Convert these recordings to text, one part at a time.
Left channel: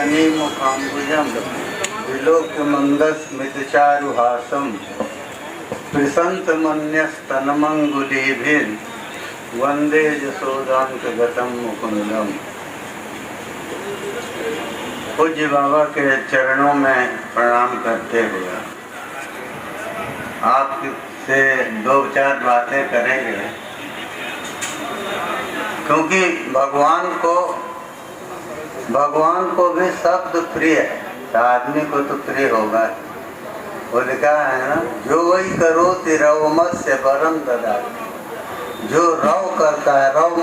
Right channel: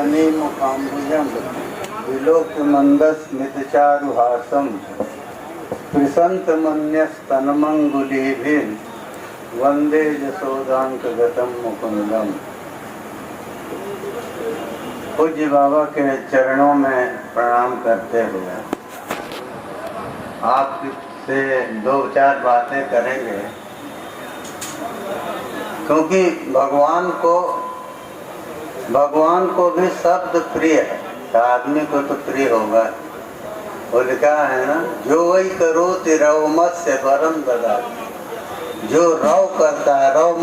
जननी मुखाम्बुजं विलोकमन्दस्मितचारुहासं प्रसन्तमन्यस्तनमङ्गुलीभिर्वन्दे यशोदान्तगतं मुकुन्दम्। पूज्य बाबा के चरणों में प्रणाम करते हुए आपसे दो चार बातें करेंगे, क्योंकि भगवान को भी शब्द प्रिय है, आदमी को तो प्रिय होगा। वो लिखा है ना, जो वही करो तिरव मत से परम ददा। जो रव करता है, रव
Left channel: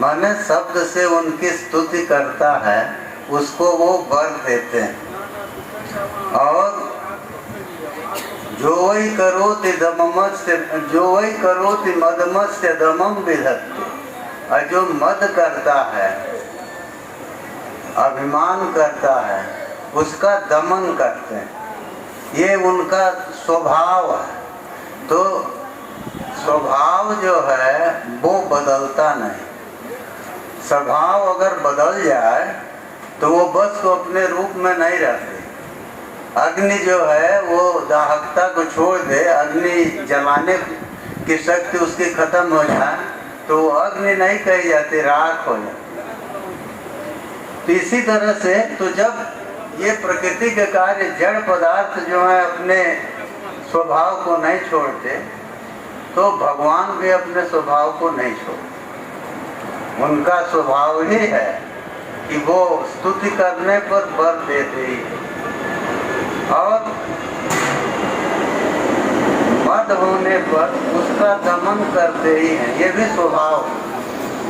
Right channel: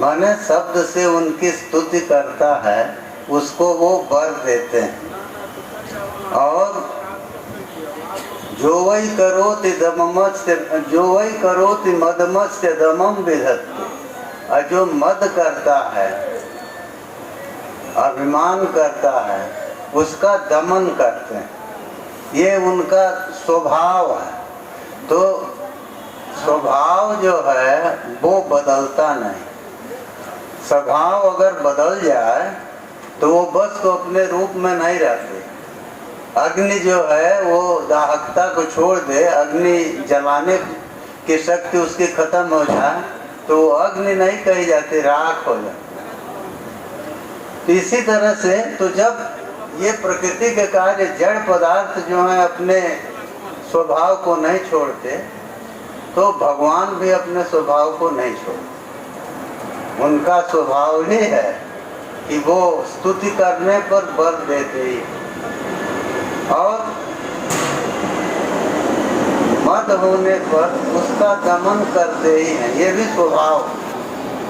माने शब्द से उनकी स्तुति करता है, उसको वो वर देते हैं। और जो वही करोति मदमत्स्य दमम विधत्ते। और जो मद करता है, अभिमान करता है, उसका दमन करते हैं। ये उनका स्वभाव है। तो स्वभाव जो है वो बदलता नहीं। स्वभाव अगर बदल जाए तो वो बस तो अपने रूप में नहीं रहते। अग्नि जो है वो दाहकता को छोड़ दे, अग्नि जलाने की शक्ति उसकी खत्म हो जाए तो वो अग्नि नहीं कही जाती, राख हो जाती। इसी तरह से तो जब ये प्रकृति के कार्य जड़ पदार्थ जो है अपने स्वभाव को नहीं छोड़ते, तो भगवान भी अपने स्वभाव को नहीं छोड़ते। उनका स्वभाव ही है कि वो स्तुति करने पर बल देते ही और मद होने पर उसका दमन करते ही हैं। ये भी स्वभाव,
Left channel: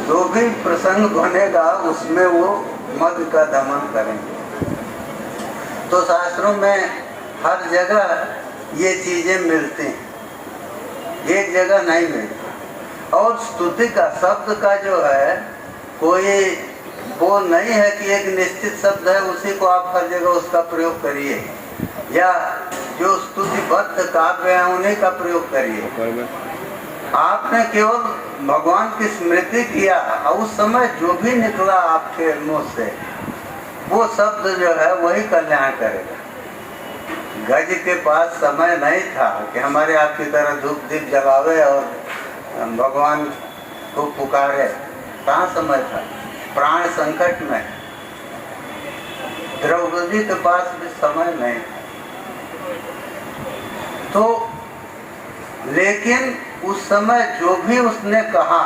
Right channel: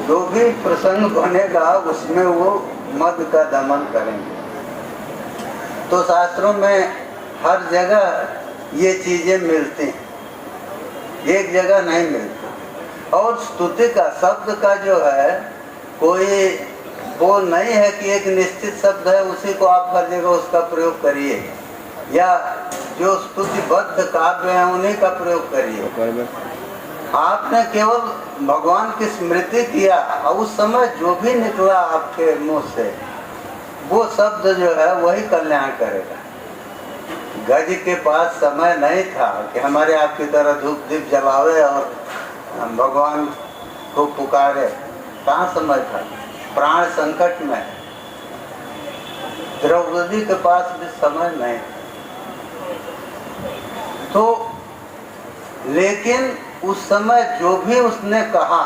जो भी प्रसंग बनेगा उसमें वो मद का दमन करेंगे। तो शास्त्रों में हर जगह ये चीजें मिलती हैं, एक जगह नहीं मिलती। और स्तुति का शब्द का जो है कोई वो नहीं है कि एक निश्चित शब्द है उसी को आप हर जगह उसका प्रयोग करिए, या जो स्तुतिबद्ध काव्य है उन्हीं का प्रयोग करिए। आपने केवल भगवान की स्मृति किया और उस समय जो भी निकला आपके मुंह से वो शब्द जो है वही कल्याण करेगा। गज के पास समय नहीं था कि हमारे आपकी तरह धूप दीप जलावे और भगवान को पुकारे। कहाँ समय था? प्राण संकट में द्रौपदी के पास भी समय नहीं। तो लेकिन उस समय जो भी उसने कहा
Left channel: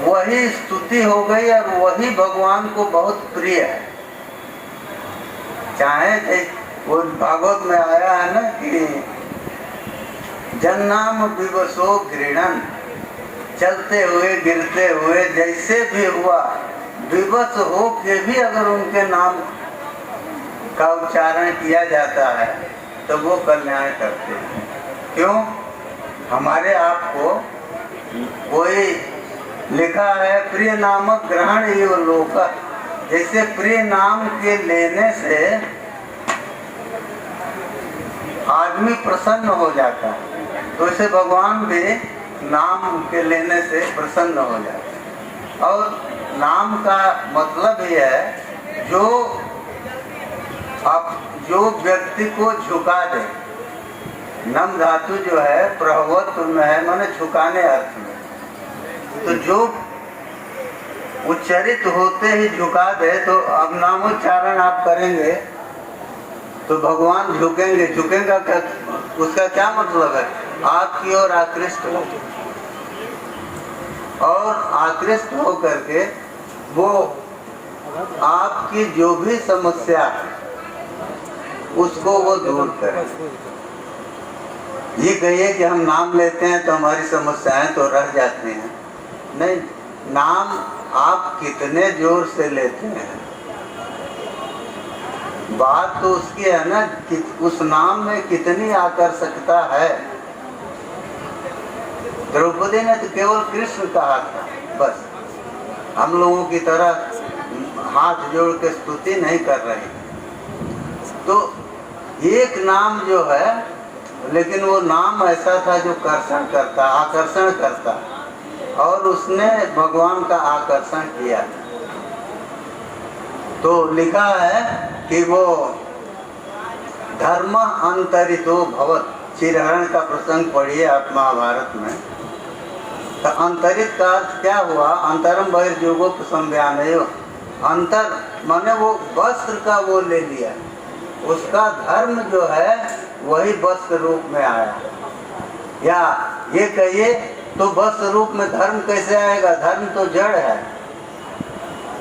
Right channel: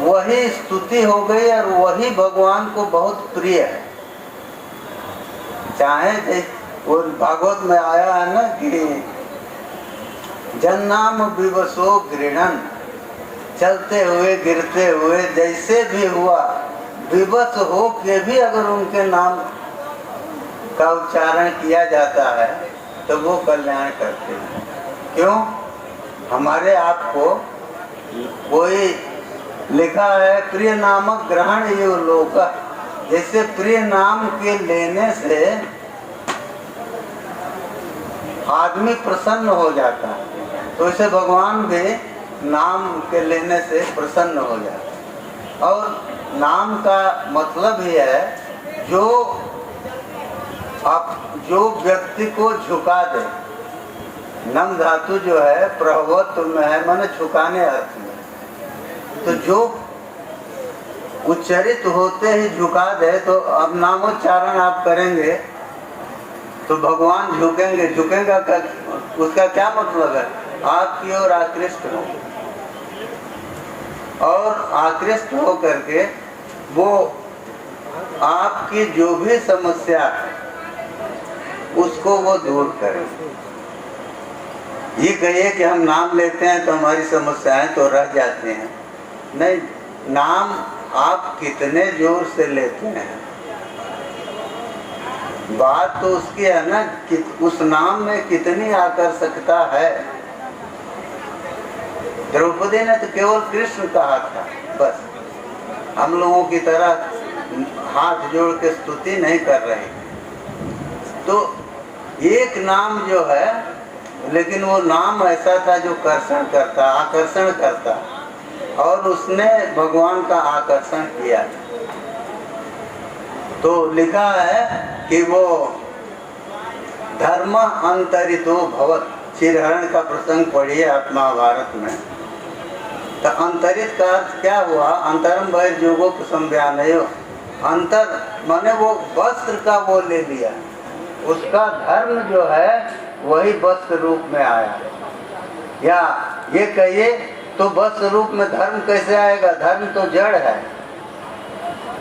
वही स्तुति हो गई और वही भगवान को बहुत प्रिय है। चाहे वो भागवत में आया है ना कि जन्नाम विवशो घृणन, चलते हुए गिरते हुए जैसे भी हुआ विवश हो के भी अगर उनके नाम का उच्चारण किया जाता है तो वो कल्याण करते हैं। क्यों? हमारे आप को कोई लिखा है प्रिय नामक ग्रहण ये लोक, जैसे प्रिय नाम के लेने से आदमी प्रसन्न हो जाता है, तो इसे भगवान भी नाम के लेने से प्रसन्न हो जाता है। और नाम का मतलब ही है जो व्यक्ति को झुका दे। नम धातु जो है प्रभवत्व में है, माने झुकाने अर्थ में। तो जो उच्चरित होते ही झुका दे, तो अब नामोच्चारण आप करेंगे तो भगवान झुकेंगे। झुकेंगे का उसका क्या मतलब है? आपकी ओर आकृष्ट हो, और आकृष्ट हो करके वो आपकी जो भी समस्या है उसको वो दूर करे। ये कहिए कि हम नाम लेते हैं तो हमारी समस्याएं तो रह जाती हैं। नहीं, नाम आप कितने जोर से लेते हैं, बात तो उसकी है ना कि उस नाम में कितनी आकर्षकता है। द्रौपदी ने तो केवल कृष्ण कहा था, बस हम लोगों की तरह हाथ जोड़ के स्तुति नहीं कर रहे। तो एक नाम जो है, लेकिन वो नाम ऐसा था जो आकर्षण करता, और उसने भगवान का आकर्षण किया। तो लिखा है कि वो धर्म अंतरितो भवत, चिरहरण का प्रसंग पढ़िए आप महाभारत में। तो अंतरित का अर्थ क्या हुआ? अंतरम बहिर्योगो संव्यानयो, अंतर माने वो वस्त्र का वो ले लिया, उसका धर्म जो है वही वस्त्र रूप में आया। या ये कहिए तो वस्त्र रूप में धर्म कैसे आएगा? धर्म तो जड़ है,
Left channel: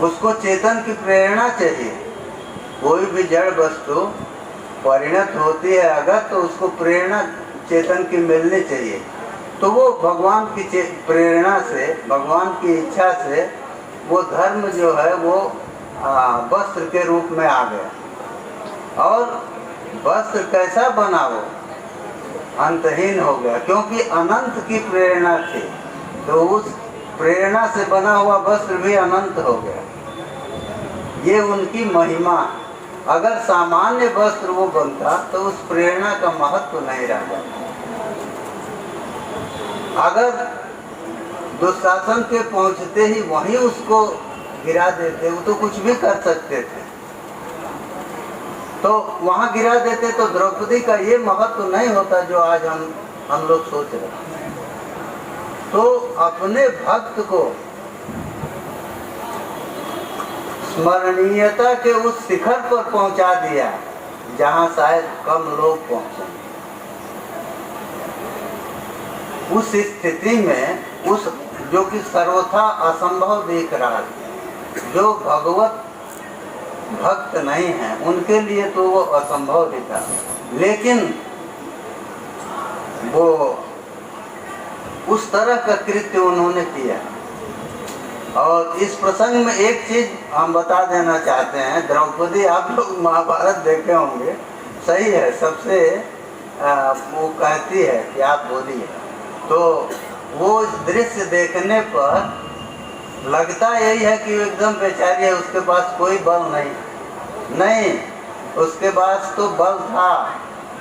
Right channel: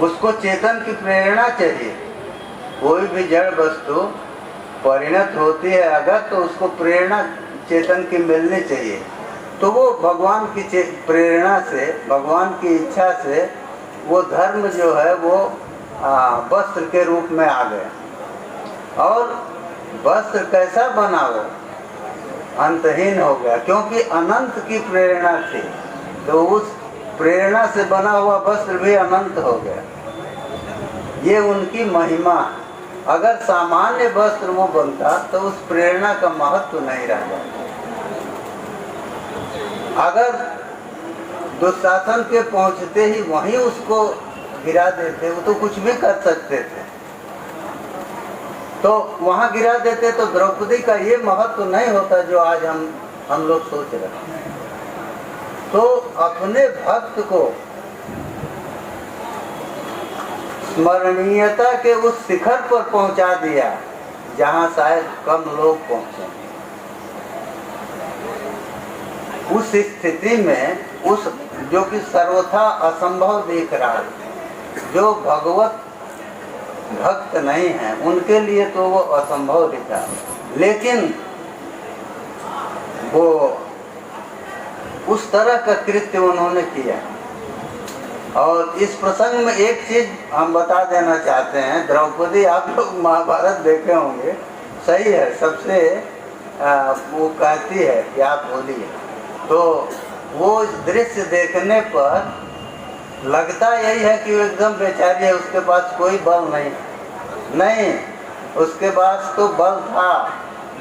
उसको चेतन की प्रेरणा चाहिए। कोई भी जड़ वस्तु परिणत होती है अगर, तो उसको प्रेरणा चेतन की मिलनी चाहिए। तो वो भगवान की प्रेरणा से, भगवान की इच्छा से वो धर्म जो है वो वस्त्र के रूप में आ गया। और वस्त्र कैसा बना? वो अंतहीन हो गया, क्योंकि अनंत की प्रेरणा थी। तो उस प्रेरणा से बना हुआ वस्त्र भी अनंत हो गया। ये उनकी महिमा। अगर सामान्य वस्त्र वो बनता तो उस प्रेरणा का महत्व नहीं रह जाता। अगर दुशासन के पहुंचते ही वहीं उसको गिरा देते, वो तो कुछ भी कर सकते थे, तो वहां गिरा देते तो द्रौपदी का ये महत्व नहीं होता जो आज हम लोग सोच रहे हैं। तो अपने भक्त को स्मरणीयता के उस शिखर पर पहुंचा दिया जहां शायद कम लोग पहुंचे। उस स्थिति में उस जो कि सर्वथा असंभव दिख रहा है, जो भगवत भक्त नहीं है उनके लिए तो वो असंभव दिखा, लेकिन वो उस तरह का कृत्य उन्होंने किया। और इस प्रसंग में एक चीज हम बता देना चाहते हैं। द्रौपदी, आप लोग महाभारत देखे होंगे, सही है, सबसे वो कहती है कि आप बोलिए, तो वो दृश्य देखने पर लगता यही है कि एकदम बेचारी है, उसके पास कोई बल नहीं, उसके पास तो बल था।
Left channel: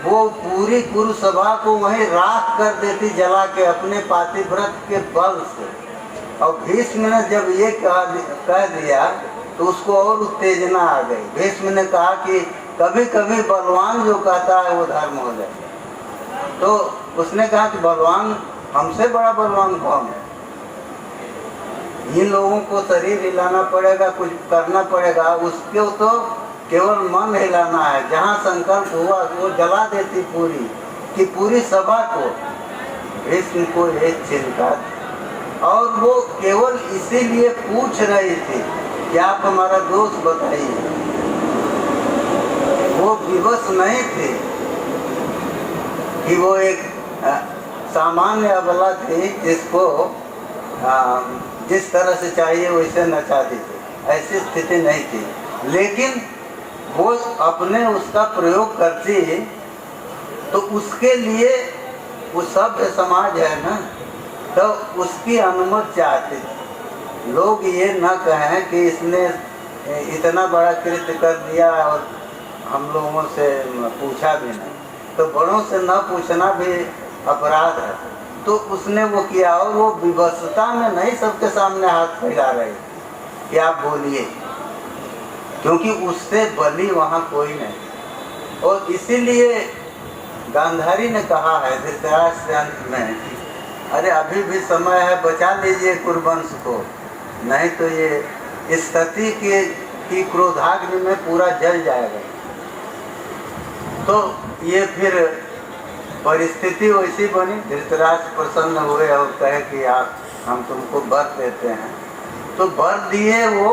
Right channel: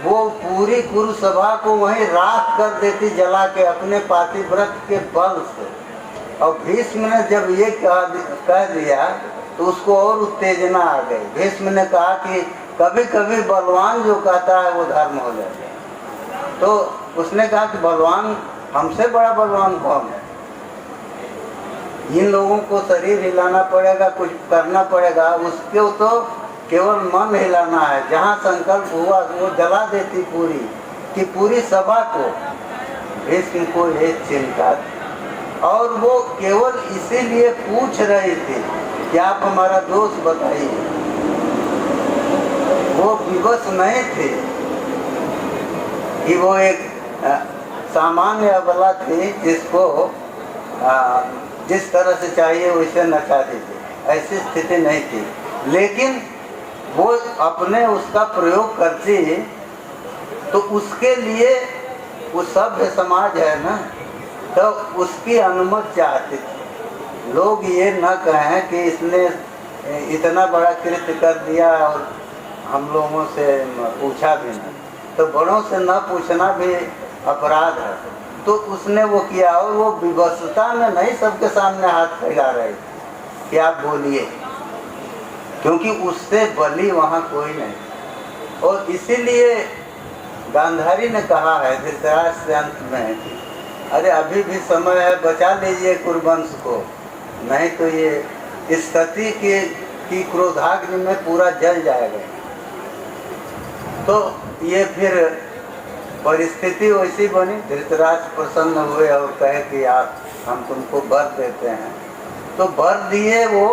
वो पूरी कुरुसभा को वहीं राख कर देती जला के अपने पातिव्रत के बल से। और भीष्म ने जब ये कह दिया तो उसको और उत्तेजना आ गई। भीष्म ने कहा कि कभी कभी बलवान जो कहता है वो धर्म हो जाए। तो उसने कहा कि बलवान, हमसे बड़ा बलवान कौन है? इन लोगों को शरीर हिलाना पड़ेगा, कुछ करना पड़ेगा, उसको तो केवल मन हिलाना है। जहाँ संकल्प हुआ वो जला देती पूरी कि पूरी सभा को। भीष्म को ये चिंता, और वो केवल इसीलिए पूछ रही थी कि आप हमारा दोष बताइए। वो विवश नहीं थे कि वो एक सामान्य अबला थी जिसको जिस तरह से चाहिए वैसे नचाती थी, ऐसी स्थिति नहीं थी। लेकिन वो अपने उसका प्रयोग करती तो उसके लिए वो सभ्य समाज है ना, तो उसकी अनुमति चाहती थी। लोग ये न कहें कि इसने इतना बड़ा कृत्य कर दिया और हम लोगों से पूछा भी नहीं। तो बड़ों से न पूछना भी अपराध है। तो उसने वो किया, और वो विवशता में नहीं सबके सामने हाथ फैला रही कि आप बोलिए, क्योंकि उससे बली वहाँ कोई नहीं। और इसीलिए गांधारी ने कहा है धृतराष्ट्र के अंत में, अरे अभी भी समय है, बचा लीजिए कुरुवंश को, नहीं तो ये स्थिति की क्रोधाग्नि में पूरा जल जाएगा। तो ये फिर परिस्थिति वैसी बनी। धृतराष्ट्र प्रसन्न हुए और कहे कि आप, हम तुमको वर देते हैं। तो वर दिए, वो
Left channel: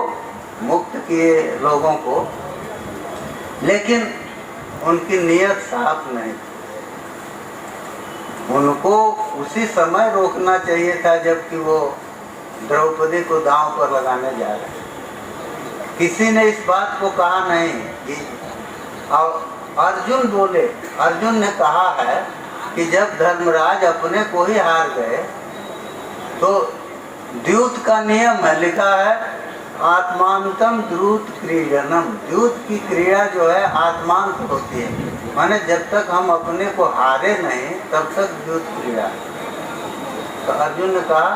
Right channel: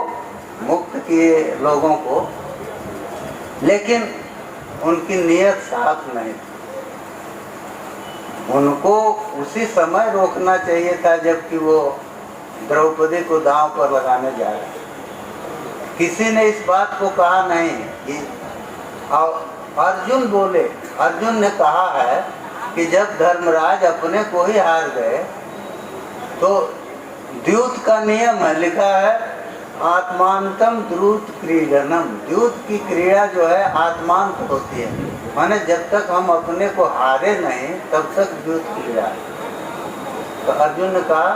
मुक्त किए लोगों को, लेकिन उनकी नियत साफ नहीं थी। उनको उसी समय रोकना चाहिए था जबकि वो द्रौपदी को दांव पर लगाने जा रहे। किसी ने इस बात को कहा नहीं कि अर्जुन बोले। अर्जुन ने कहा है कि जब धर्मराज अपने को ही हार गए तो द्यूत का नियम है, लिखा है आत्मांतम द्रुत क्रीडनम। द्यूत की क्रीड़ा जो है आत्मांत होती है, माने जब तक हम अपने को हारे नहीं तब तक द्यूत क्रीड़ा। तो अर्जुन ने कहा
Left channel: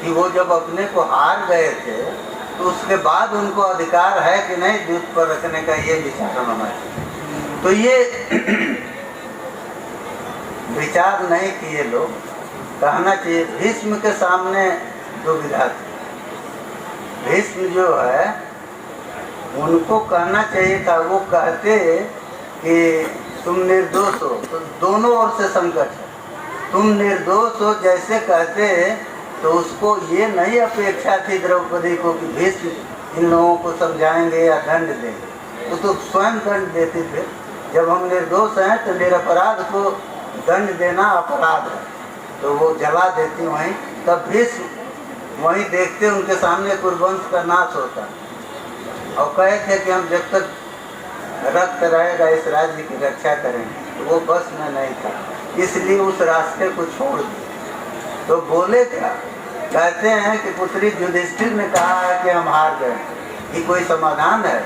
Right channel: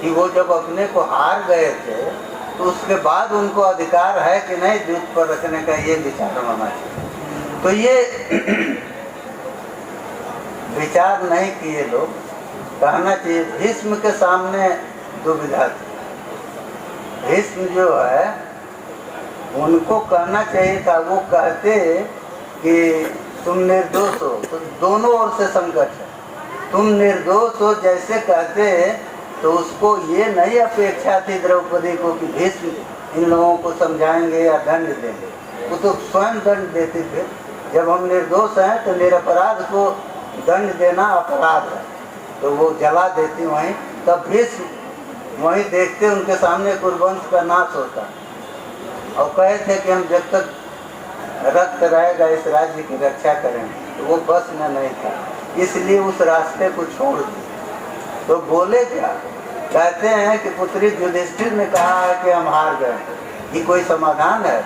कि वो जब अपने को हार गए थे तो उसके बाद उनको अधिकार है कि नहीं दूध पर रखने का, ये विचार होना चाहिए। तो ये विचार नहीं किए लोग, कहना चाहिए। भीष्म के सामने दुविधा थी। भीष्म जो है उनको कहना चाहिए था, वो कहते कि तुम निर्दोष हो, तो दोनों ओर से संकट है। तुम निर्दोष हो जैसे कहते, तो उसको ये नहीं अपेक्षा थी द्रौपदी को कि भीष्म इन लोगों को समझाएंगे या दंड देंगे। वो तो स्वयं दंड देते थे। जब हम निर्दोष हैं तो निरपराध को दंड देना अपराध है, तो वो जला देती वहीं। तब भीष्म वहीं देखते उनके सामने कुरुवंश का नाश होता है, और कहे थे कि हम जब तक रक्त रहेगा इस राज्य की रक्षा करेंगे। तो वो बस में नहीं था, इसलिए उस रास्ते को छोड़ दिया। तो बोले क्या, कहते हैं कि पुत्री युधिष्ठिर ने कहा है कि हम हार गए। ये कोई समाधान है?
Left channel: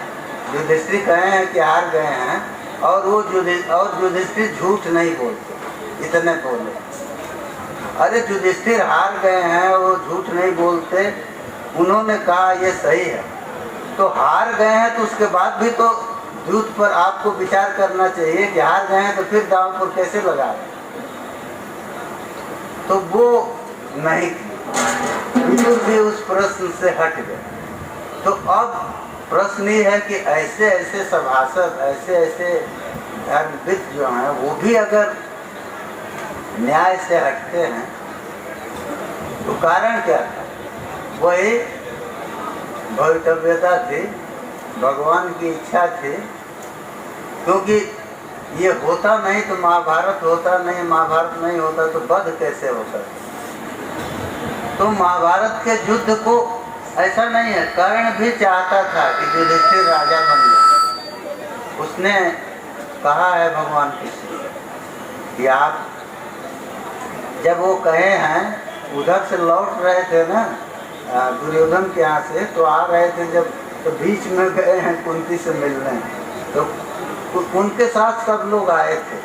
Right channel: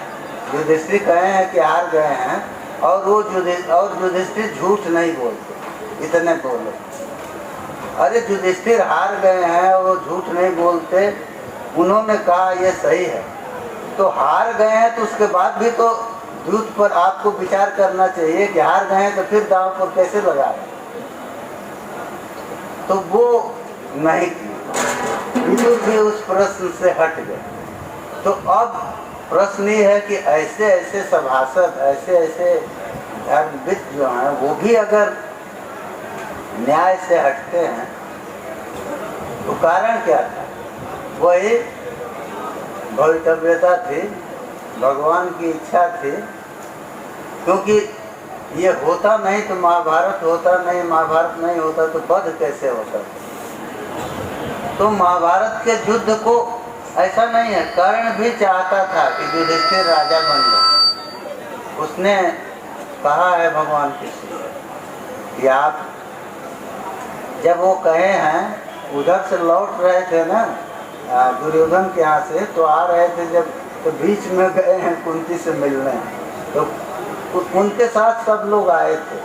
युधिष्ठिर कहे हैं कि हार गए हैं, और वो युधिष्ठिर झूठ नहीं बोलते, इतने बोले। अरे युधिष्ठिर हार गए हैं, वो झूठ नहीं बोलते, उन्होंने कहा ये सही है। तो हार गए हैं तो उसके बाद भी तो दूध पर आपको विचार करना चाहिए कि हार गए हैं तो फिर दांव पर कैसे लगा रहे। तो वो नहीं की, विदुर भी उस प्रश्न से हट गए। तो अब प्रश्न ये है कि ऐसे ऐसे सभासद, ऐसे ऐसे धर्मविद जो हैं, वो भी अगर न्याय से हटते हैं तो कारण क्या था? वही भवितव्यता थी, भगवान की इच्छा थी। क्योंकि ये होता नहीं तो महाभारत होता नहीं, महाभारत नहीं होता तो वध कैसे होता। तो महाभारत के युद्ध को ऐसा नहीं है, कर्ण भी चाहता था कि युधिष्ठिर राजा बन जाए। उसने कहा है भगवान कृष्ण कि आप, जब वो कहे हैं उधर से लौट रहे थे ना दुर्योधन के यहाँ से, तो आ रहे थे जब, तो बीच में गए हैं कुंती से मिलने, तो उनके साथ सब लोग आए थे।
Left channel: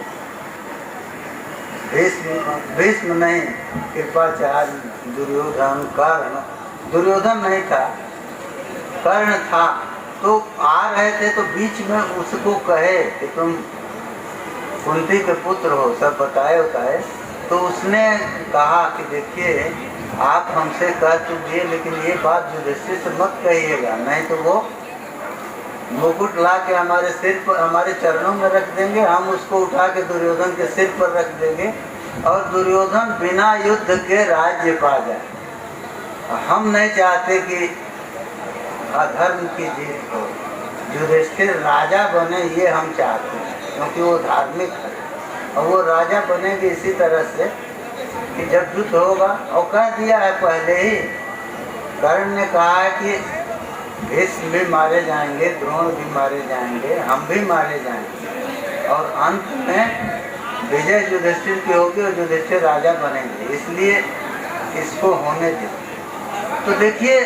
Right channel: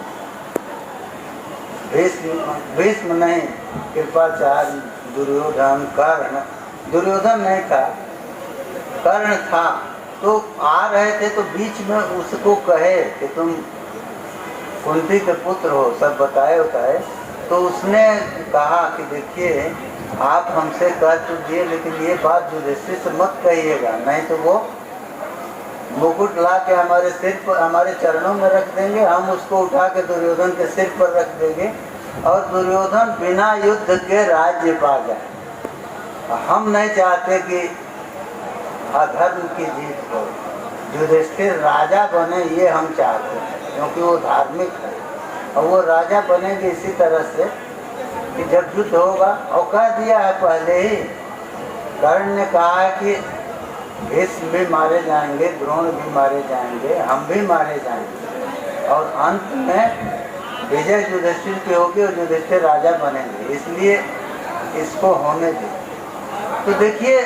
भीष्म नहीं, कृपाचार्य, दुर्योधन, कर्ण, दुर्योधन नहीं था, कर्ण था। तो आ रहे थे तो बीच में उसको कहे कि तुम कुंती के पुत्र हो, सब बताए बताए। तो उसने कहा कि देखिए आप हमसे कह तो दिए, लेकिन ये बात युधिष्ठिर से मत कहिएगा, नहीं तो वो मुकुट ला के हमारे सिर पर, हमारे चरणों में रख देंगे, हम उसको उठा के दुर्योधन के सिर पर रख देंगे और दुर्योधन बिना युद्ध के राज्य पा जाए। हम नहीं चाहते कि अधर्म की जीत हो, युधिष्ठिर राजा बने, ये हम चाहते हैं, क्योंकि वो धार्मिक है। और वो राजा बनेंगे इसी तरह से कि जब युद्ध होगा, और कह दिया है पहले ही, कर्ण ने कहा है कि भीष्म भी मारे जाएंगे, द्रोण भी मारे जाएंगे, हम भी मारे जाएंगे, और अंत में विजय युधिष्ठिर की होगी और युधिष्ठिर राजा बनेंगे, इसलिए इसको होने दे। तो देखिए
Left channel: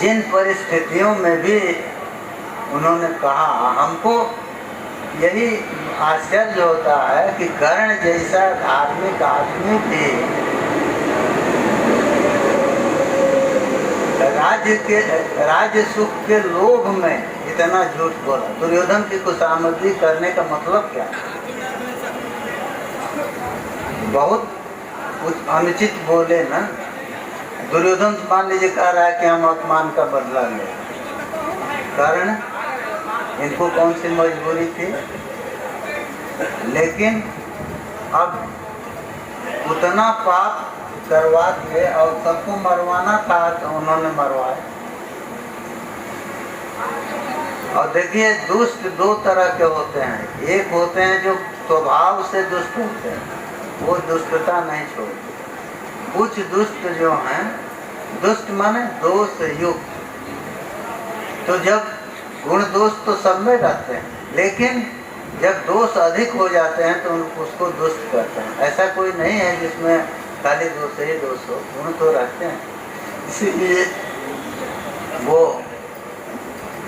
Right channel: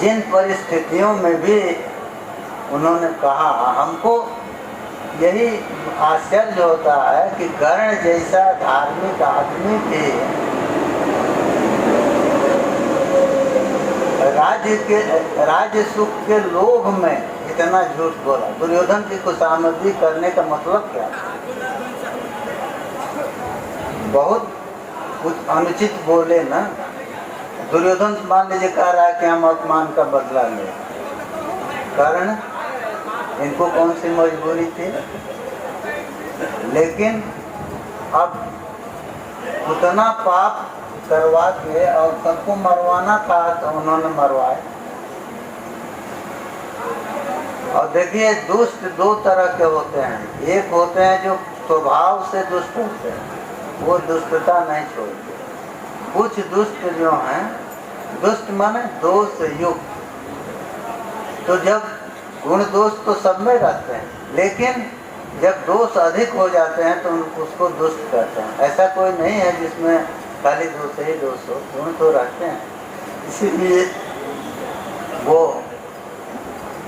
जिन परिस्थितियों में भी उन्होंने कहा, हमको यही आश्चर्य होता है कि कर्ण जैसा धार्मिक आदमी भी राज्य सुख के लोभ में इतना झूठ बोला। दुर्योधन की खुशामदी करने का मतलब क्या? बहुत कुछ अनुचित बोले ना। दुर्योधन मान लीजिए कह रहा है कि हम अपमान का बदला ले, कारण इनको कौन सी मजबूरी थी? लेकिन अब उतना पाप करवा के और सबको मरवाना था तो उन्होंने मरवाया। और देखिए दुष्ट दो तरह के होते हैं, एक होते हैं जो स्वभाव से दुष्ट होते हैं, वो दुष्टता नहीं छोड़ते। कुछ दुष्ट जो हैं, दुष्ट माने दोष युक्त, तो जब गुण दोष तो सब में रहते हैं, लेकिन जब दोष अधिक हो जाते हैं तो उसको दुष्ट कहते हैं। ऐसा कोई नहीं है जिसमें खाली दोष ही दोष हो, गुण तो रहते हैं। इसीलिए वो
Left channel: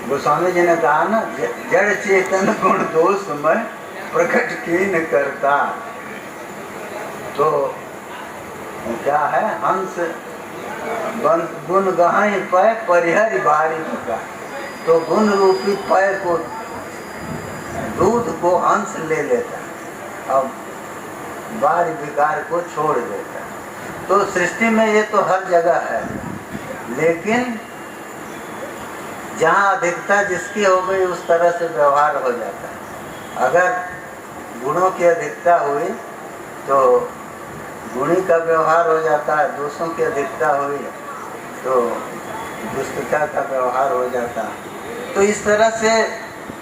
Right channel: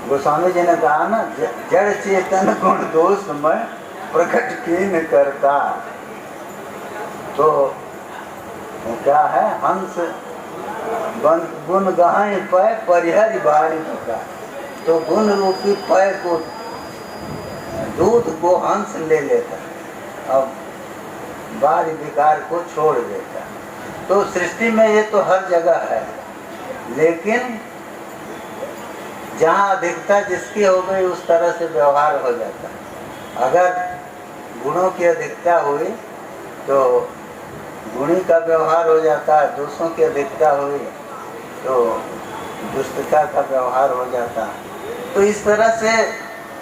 गोस्वामी जी ने कहा ना, जड़ चेतन गुण दोष में प्रकट कीन करता। तो क्या है, हंस गुण गहाई पय परिहरि बारी का, तो गुण रूपी पय को दूध को हंस ले लेता, अब बारी विकार को छोड़ देता। तो सृष्टि में ये तो हर जगह है, लेकिन जहाँ अधिकता जिसकी हो गई उस तरह से व्यवहार हो जाता है। अगर गुणों की अधिकता हुई तो गुणी का व्यवहार हो जाता है, दोषों की अधिकता हुई तो दुष्टता का व्यवहार हो जाता है। तो इस तरह से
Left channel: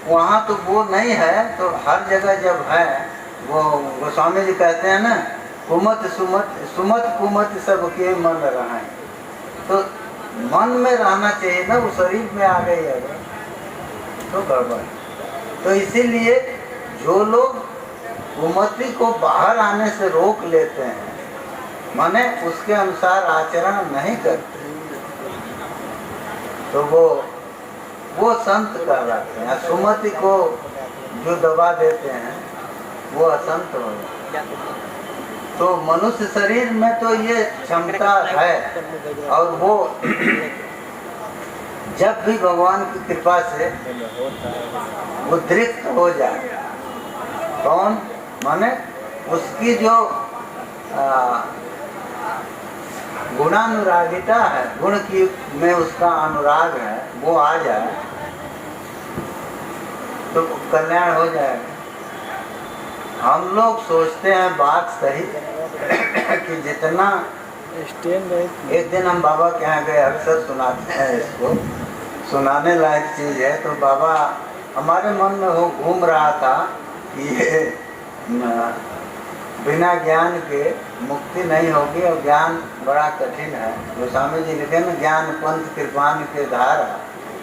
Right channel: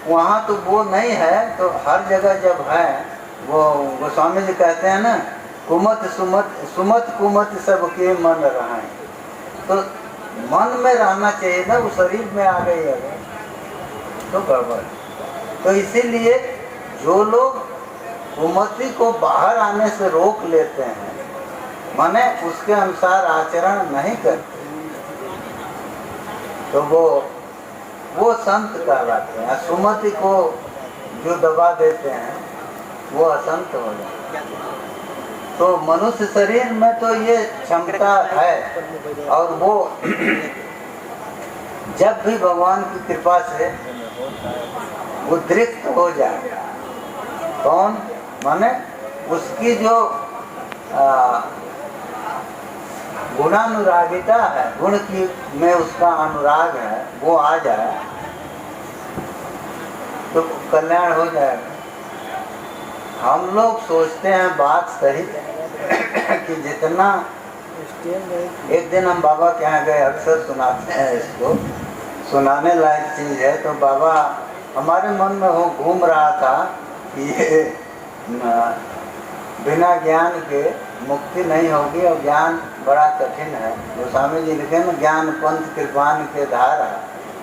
वहाँ तो वो नहीं है, तो हर जगह जब है, वो गोस्वामी जी कहते हैं ना, कुमत सुमत कुमत सबके मन रहा है। तो मन में रहना चाहिए ना, वो शरीर में आ गई है तो गड़बड़। तो इसीलिए जो लोग कुमति को बाहर आने से रोक लेते हैं, माने उसके अनुसार आचरण नहीं करते, तो वो संत कहलाते हैं। सुमति को जो दबा देते हैं वो असंत हो जाते हैं। तो मनुष्य शरीर में तो ये क्षमता है, और वो जब भी भगवान की कृपा से उद्रिक्त हो जाए, कौन माने उसकी जो गुणानुरागिता है, गुण की में उसका अनुराग है, वो आ जाए तो कल्याण हो जाएगा। हम लोग सोचते हैं बात सही कि जितना, एक दिन हम बाबा के यहाँ गए, अक्सर सुनाते हैं इसको, सुनाने लायक चीज है। तो बाबा हमारे मन में वो घूम रहा था कि ये बिना ज्ञान के मुक्ति नहीं होगी, और ज्ञान बड़ा कठिन है। गोस्वामी जी लिखे ना, ज्ञान पंथ कृपान के धारा,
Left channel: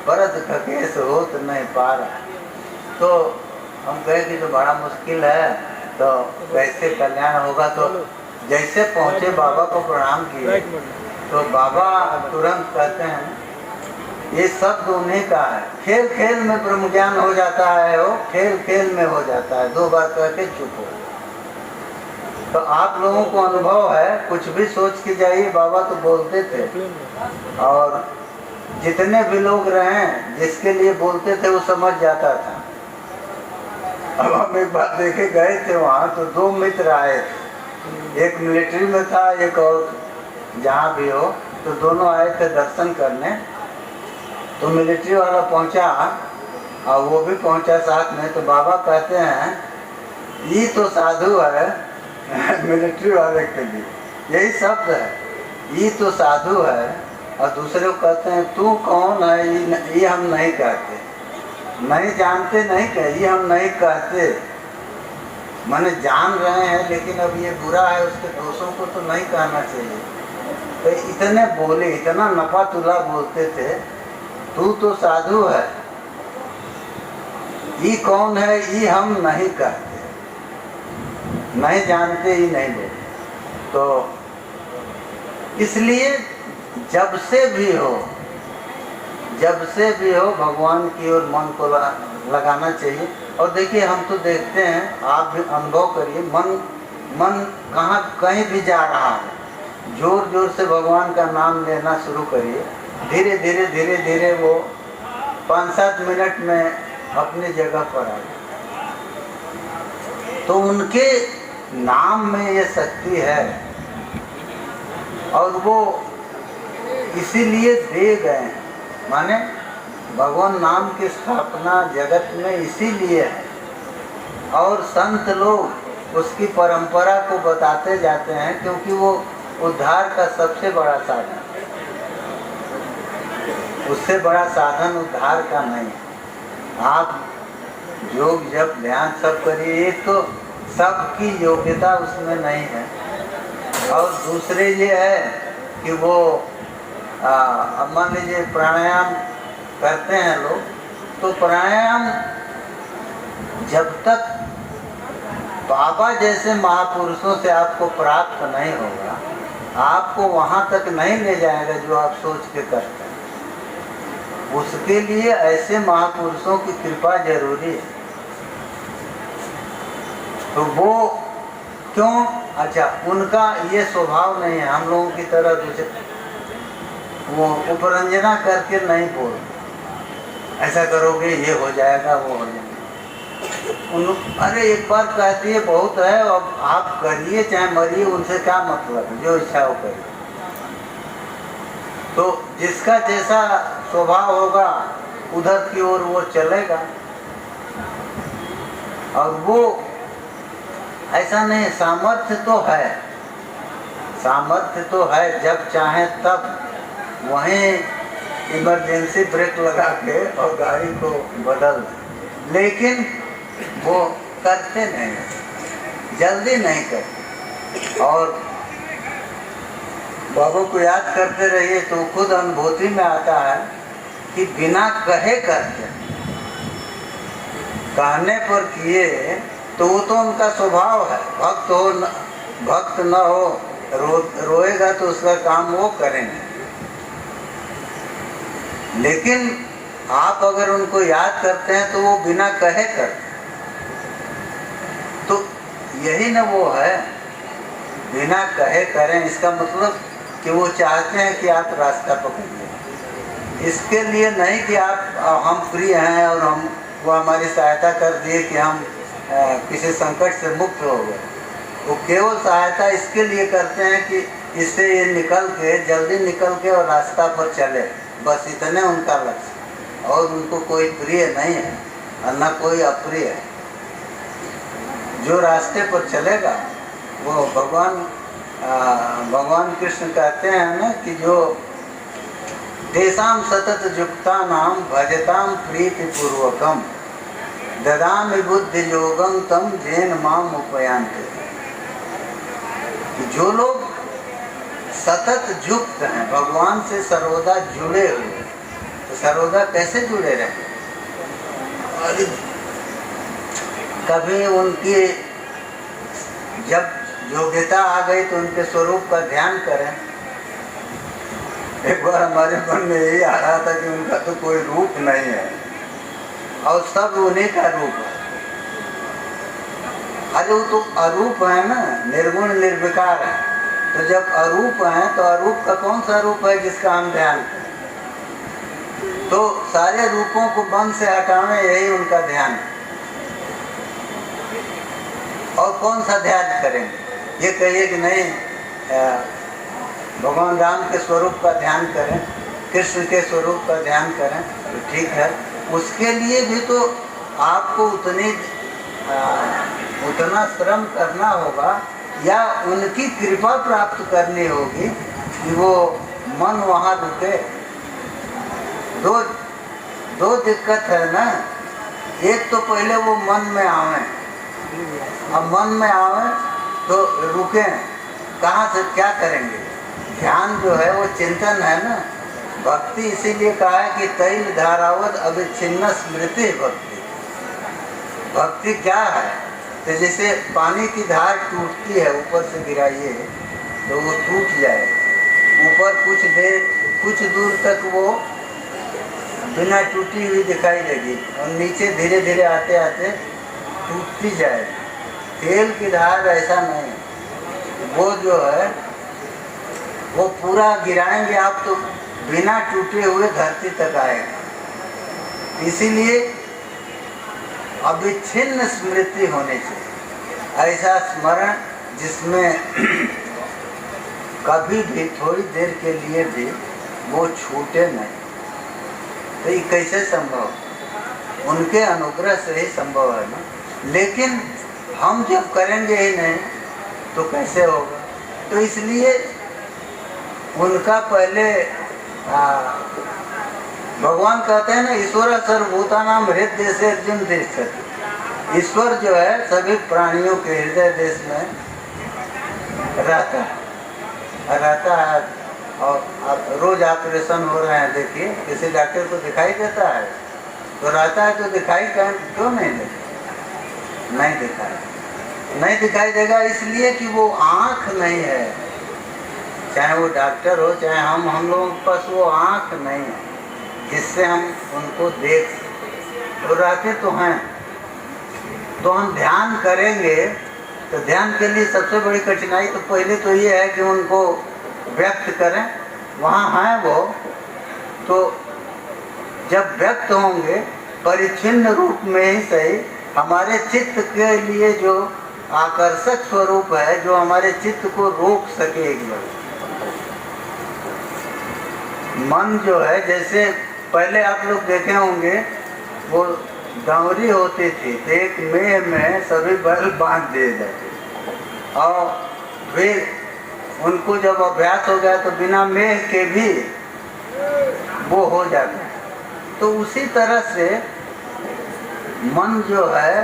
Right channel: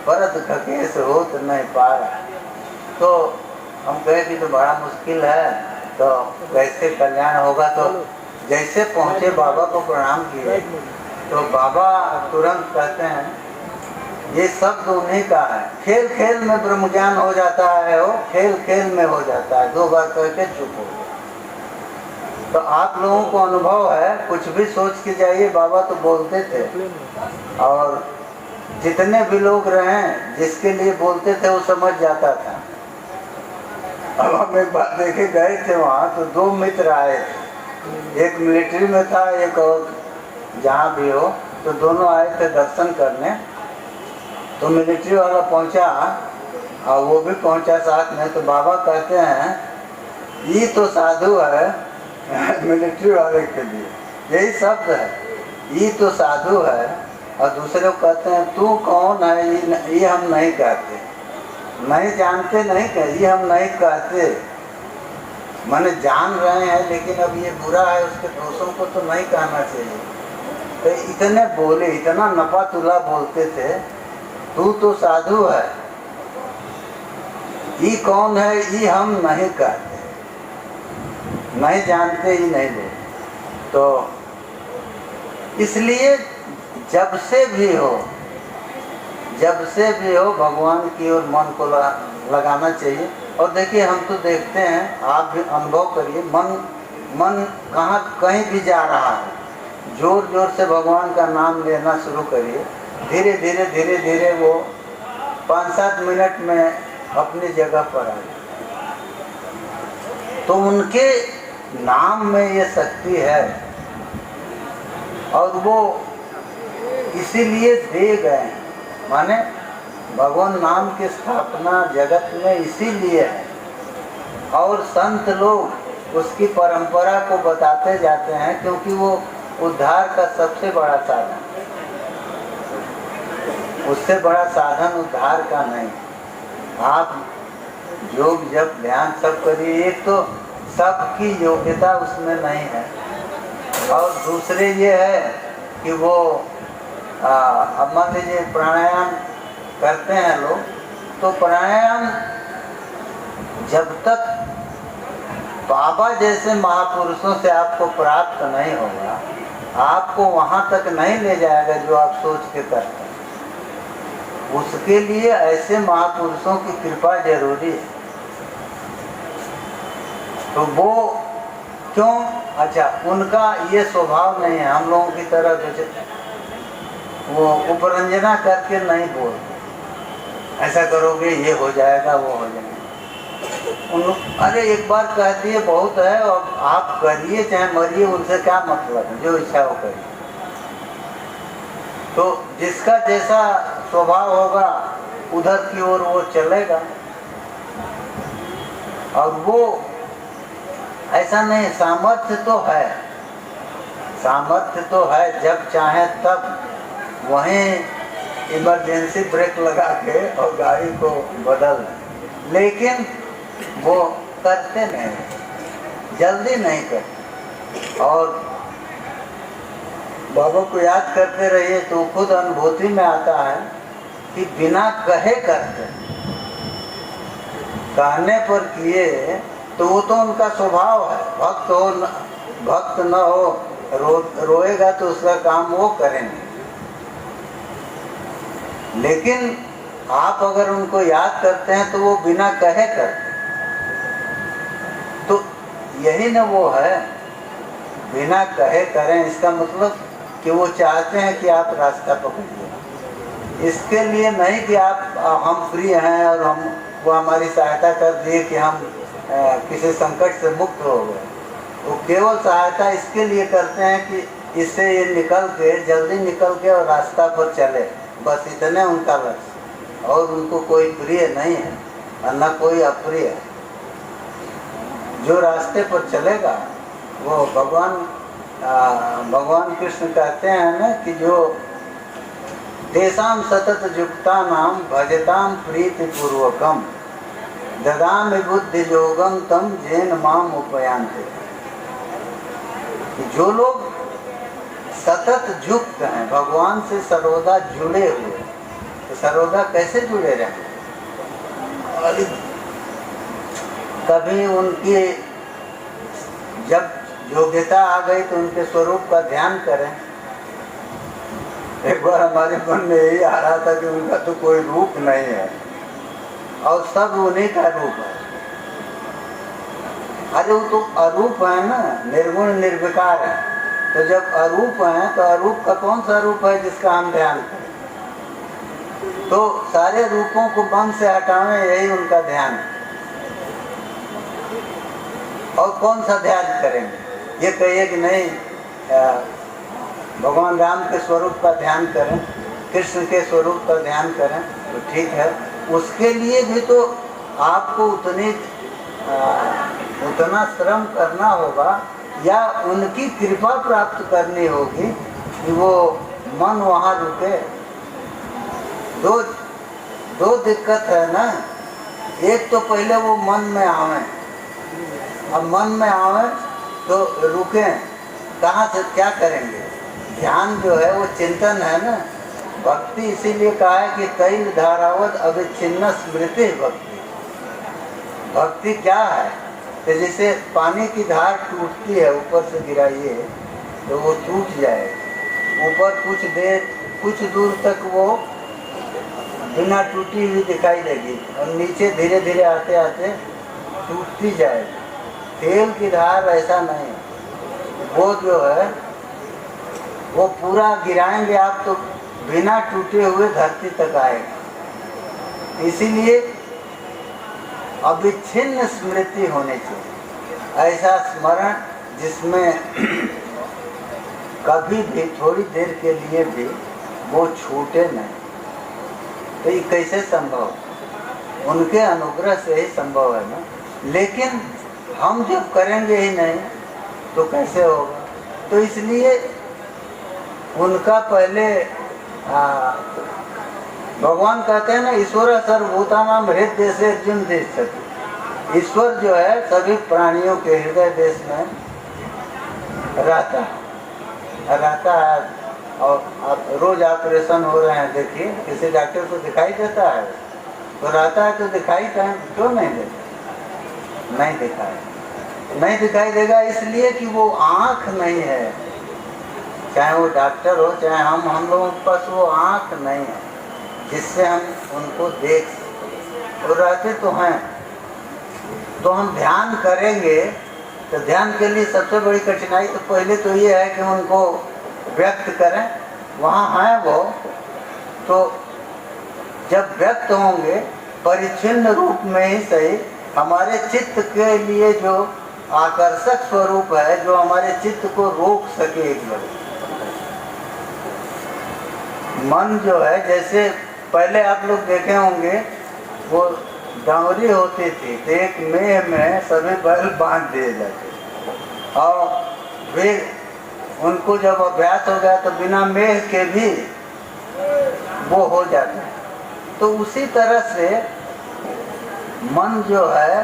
परत खकेश होत नहीं पा रहा। तो हम कहे कि तो बड़ा मुश्किल है, तो कैसे कल्याण होगा। तो जैसे पहुँचे बाबा को प्रणाम किए, तो बाबा तुरंत कहते हैं ये शब्द उन्हीं का है, खेल खेल में ब्रह्म ज्ञान हो जाता है, वो खेल खेल में हो जाता है, 2 बार कह के चुप हो। तो आप लोगों को अनुभव है, कुछ भी सोच के जाइए, बाबा तो बोलते थे, और जितने भी लोग रहे जिसके लिए बोलते थे वो समझ जाता था। अब हम एक बार देखे गए थे वहाँ, तो 2 मित्र आए थे, एक मिलिट्री में था, एक और जहाँ भी हो, तो दोनों आए थे दर्शन करने। तो मिलिट्री वाला पहुँचा और वो भी पहुँचा साथ में। तो बाबा कहते हैं ये तो साधु है मिलिट्री वाले के लिए यही शब्द है, ये तो साधु है। और दूसरे को कहते हैं तू कौन है, ये हम नहीं कहते, नहीं जानते, नहीं कहे, ये हम नहीं कहते, माने जान रहे हैं, लेकिन अब ये बुरा है, उसके दोषों को तो नहीं कहना चाहिए। तो इतने बोले, इतना नफा तुला बोलते थे, तू तो साधु है, ये कौन है, ये हम नहीं कहते, नहीं जानते, ही नहीं बोलते। तो इसलिए जब से भी हो भगवान की ओर मन को लगाना चाहिए। और देखिए हम तो देखते हैं, आप भी अनुभव करिए, मन कहीं भी जा रहा है, जोर जोर से भगवान का नाम लेना शुरू करिए, धीरे धीरे वो 5-7 मिनट में अपनी जगह पर आ जाए। तो उनके नाम में ये शक्ति है, और वो इसीलिए दे गए, माने भगवान नाम की स्थापना जगत में इसीलिए है। और संत लोग उसकी परंपरा को बताते जाते हैं, क्योंकि वो उद्धार का सबसे बड़ा साधन, उससे बड़ा साधन उद्धार का नहीं। आप योग जब ध्यान सब करिए, तो सबकी योग्यता उसमें नहीं है। और दूसरे ये है कि वो अब मान लीजिए प्राणायाम करते हैं लोग, तो प्राणायाम जब तक बाबा जैसे महापुरुषों से आपको प्राप्त नहीं होगा, आपको वहाँ तक नहीं ले जाएगा जो आप सोच के करते हैं। उसके लिए ऐसे महापुरुषों की कृपा जरूरी है। तो वो क्यों, अच्छा उनका ये स्वभाव नहीं है हम लोगों की तरह। वो उपरंजना करके नहीं बोलते, ऐसा करोगे ये हो जाएगा वो हो जाएगा। अरे एक बार कहती है बहुत है, अब आप करिए चाहे मरिए, उनसे क्या मतलब है, जो इच्छा हो करिए। तो जिसका जैसा स्वभाव होगा उधर की ओर वो चलेगा। और वो ऐसा नहीं, सामर्थ्य तो है, सामर्थ्य तो है, जब चाहे तब वहीं इमरजेंसी ब्रेक लगा के और गाड़ी को बदल, लेकिन वो करते नहीं, जल्दी नहीं करते। और बाबा को याद करते रहिए तो खुद अनुभूति में आता है कि बिना कहे करते, कहने पर किए तो वो तो उनका स्वभाव है। भक्त हो भक्त न हो, रोएगा तो उसका काम वो करेंगे। लेकिन आप अगर उनको याद करते हैं तो वो बिना कहे करते। तो यही न वो है, बिना कहे करें, इसका मतलब कि वो चाहते हैं कि आप रास्ता पकड़िए। इसके लिए नहीं कि आप हम फ्री हैं और हम वो हमारी सहायता कर दिए कि हम किसी संकट से मुक्त हो गए। वो केवल सहायता इसके लिए करते हैं कि इससे ये निकल के, जल्दी निकल के और रास्ता पर चले, बस इतने उनका लक्ष्य। और उनको कोई प्रिय नहीं है और न कोई अप्रिय है। जो रास्ते पर चलेगा वो भगवान कृष्ण कहते हैं ना कि जो तेषां सतत युक्ता नाम भजताम प्रीति पूर्वकम ददामि बुद्धि योगम तम जैन माम उपयांते। जो लोग सतत युक्त हैं, भगवान से सर्वदा जुड़े हुए, तो सर्वदा कैसे जुड़े रहें? और कभी उनकी जब योग्यता आ गई तो उनके स्वरूप का ध्यान करें। एक बार हमारे मन में यही आ रहा था कि उनका तो कोई रूप नहीं है और सब उन्हीं का रूप है। अरे वो तो अरूप है ना, निर्गुण निर्विकार है। तो जब अरूप है तो अरूप का कौन सा रूप है जिसका हम ध्यान करें? तो सारे रूपों को मन से हटावें, यही उनका ध्यान है। और कौन सा ध्यान करेंगे? ये कहिए कि नहीं भगवान राम के स्वरूप का ध्यान करें, कृष्ण के स्वरूप का ध्यान करें, तो ठीक है। उसके लिए भी तो आपको उतना श्रम करना होगा या उनकी कृपा प्राप्त करनी होगी कि वो मन वहाँ रुके। दो दिक्कत है ना। एक तो पहले वो मन में आवे, अब मन में आवे तो रुके, कहाँ से क्या करेंगे? ध्यान जो है वो चिंतन है ना। भक्ति इसीलिए कहा है कि तैल धारावत अविच्छिन्न स्मृति भक्ति। भक्ति क्या है? तो जैसे पानी की धार टूटती है, ऊपर से गिराइए तो वो टूट जाए, ऊपर कुछ दूर तक वो बिना टूटी हुई दिखाई देगी और नीचे धीरे धीरे आते आते टूटती जाएगी। तेल की धार ऐसा नहीं, वो जो है वो पूरा गिराएंगे आप तो बिना टूटे हुए धरती तक आएगा। इसीलिए अविच्छिन्न स्मृति होनी चाहिए, ऐसा स्मरण जिसमें कभी भी थोड़ी देर के लिए भी वो छूटे नहीं। तो ये कैसे संभव? उनके अनुग्रह से ही संभव है ना। लेकिन हम जब करेंगे ही नहीं तो कैसे होगा? तो इसलिए उनका पहले भगवान कहते हैं ना, ईश्वर सर्वभूतानां हृदय से अर्जुन देश। ईश्वर जो है सभी प्राणियों के हृदय देश में रहता है। और अब रोज ऑपरेशन हो रहे हैं, देखिए किसी डॉक्टर को दिखाई देता है तो रहता है, तो दिखाई क्यों नहीं देता? नहीं दिखाई देगा इसलिए कि वो आँख नहीं है। चाहे वो डॉक्टर हो चाहे हम लोगों के पास वो आँख नहीं है जिससे हम उनको देख सकें। वो रहते तो हैं। तो हम ध्यान करेंगे तो ध्यान के लिए सबसे बड़ी कठिनाई तो पहले तो ये है कि उनको व्यक्त करें, वहाँ हैं वो, तो जब व्यक्त होंगे परिच्छिन्न रूप में ही सही, हमारे चित्त के लिए जो आकर्षक स्वरूप है, जो हमारे चित्त को रोक सके एकदम। मन जो है, जैसे पहले आप लोग देखे होंगे वो डांवरी होती थी तो एक मेह में सभी बैल बांध दिए जाते और फिर उनको जब अभ्यास हो गया तो बिना मेह के भी वो हो जाता है। तो उसी तरह से मन जो है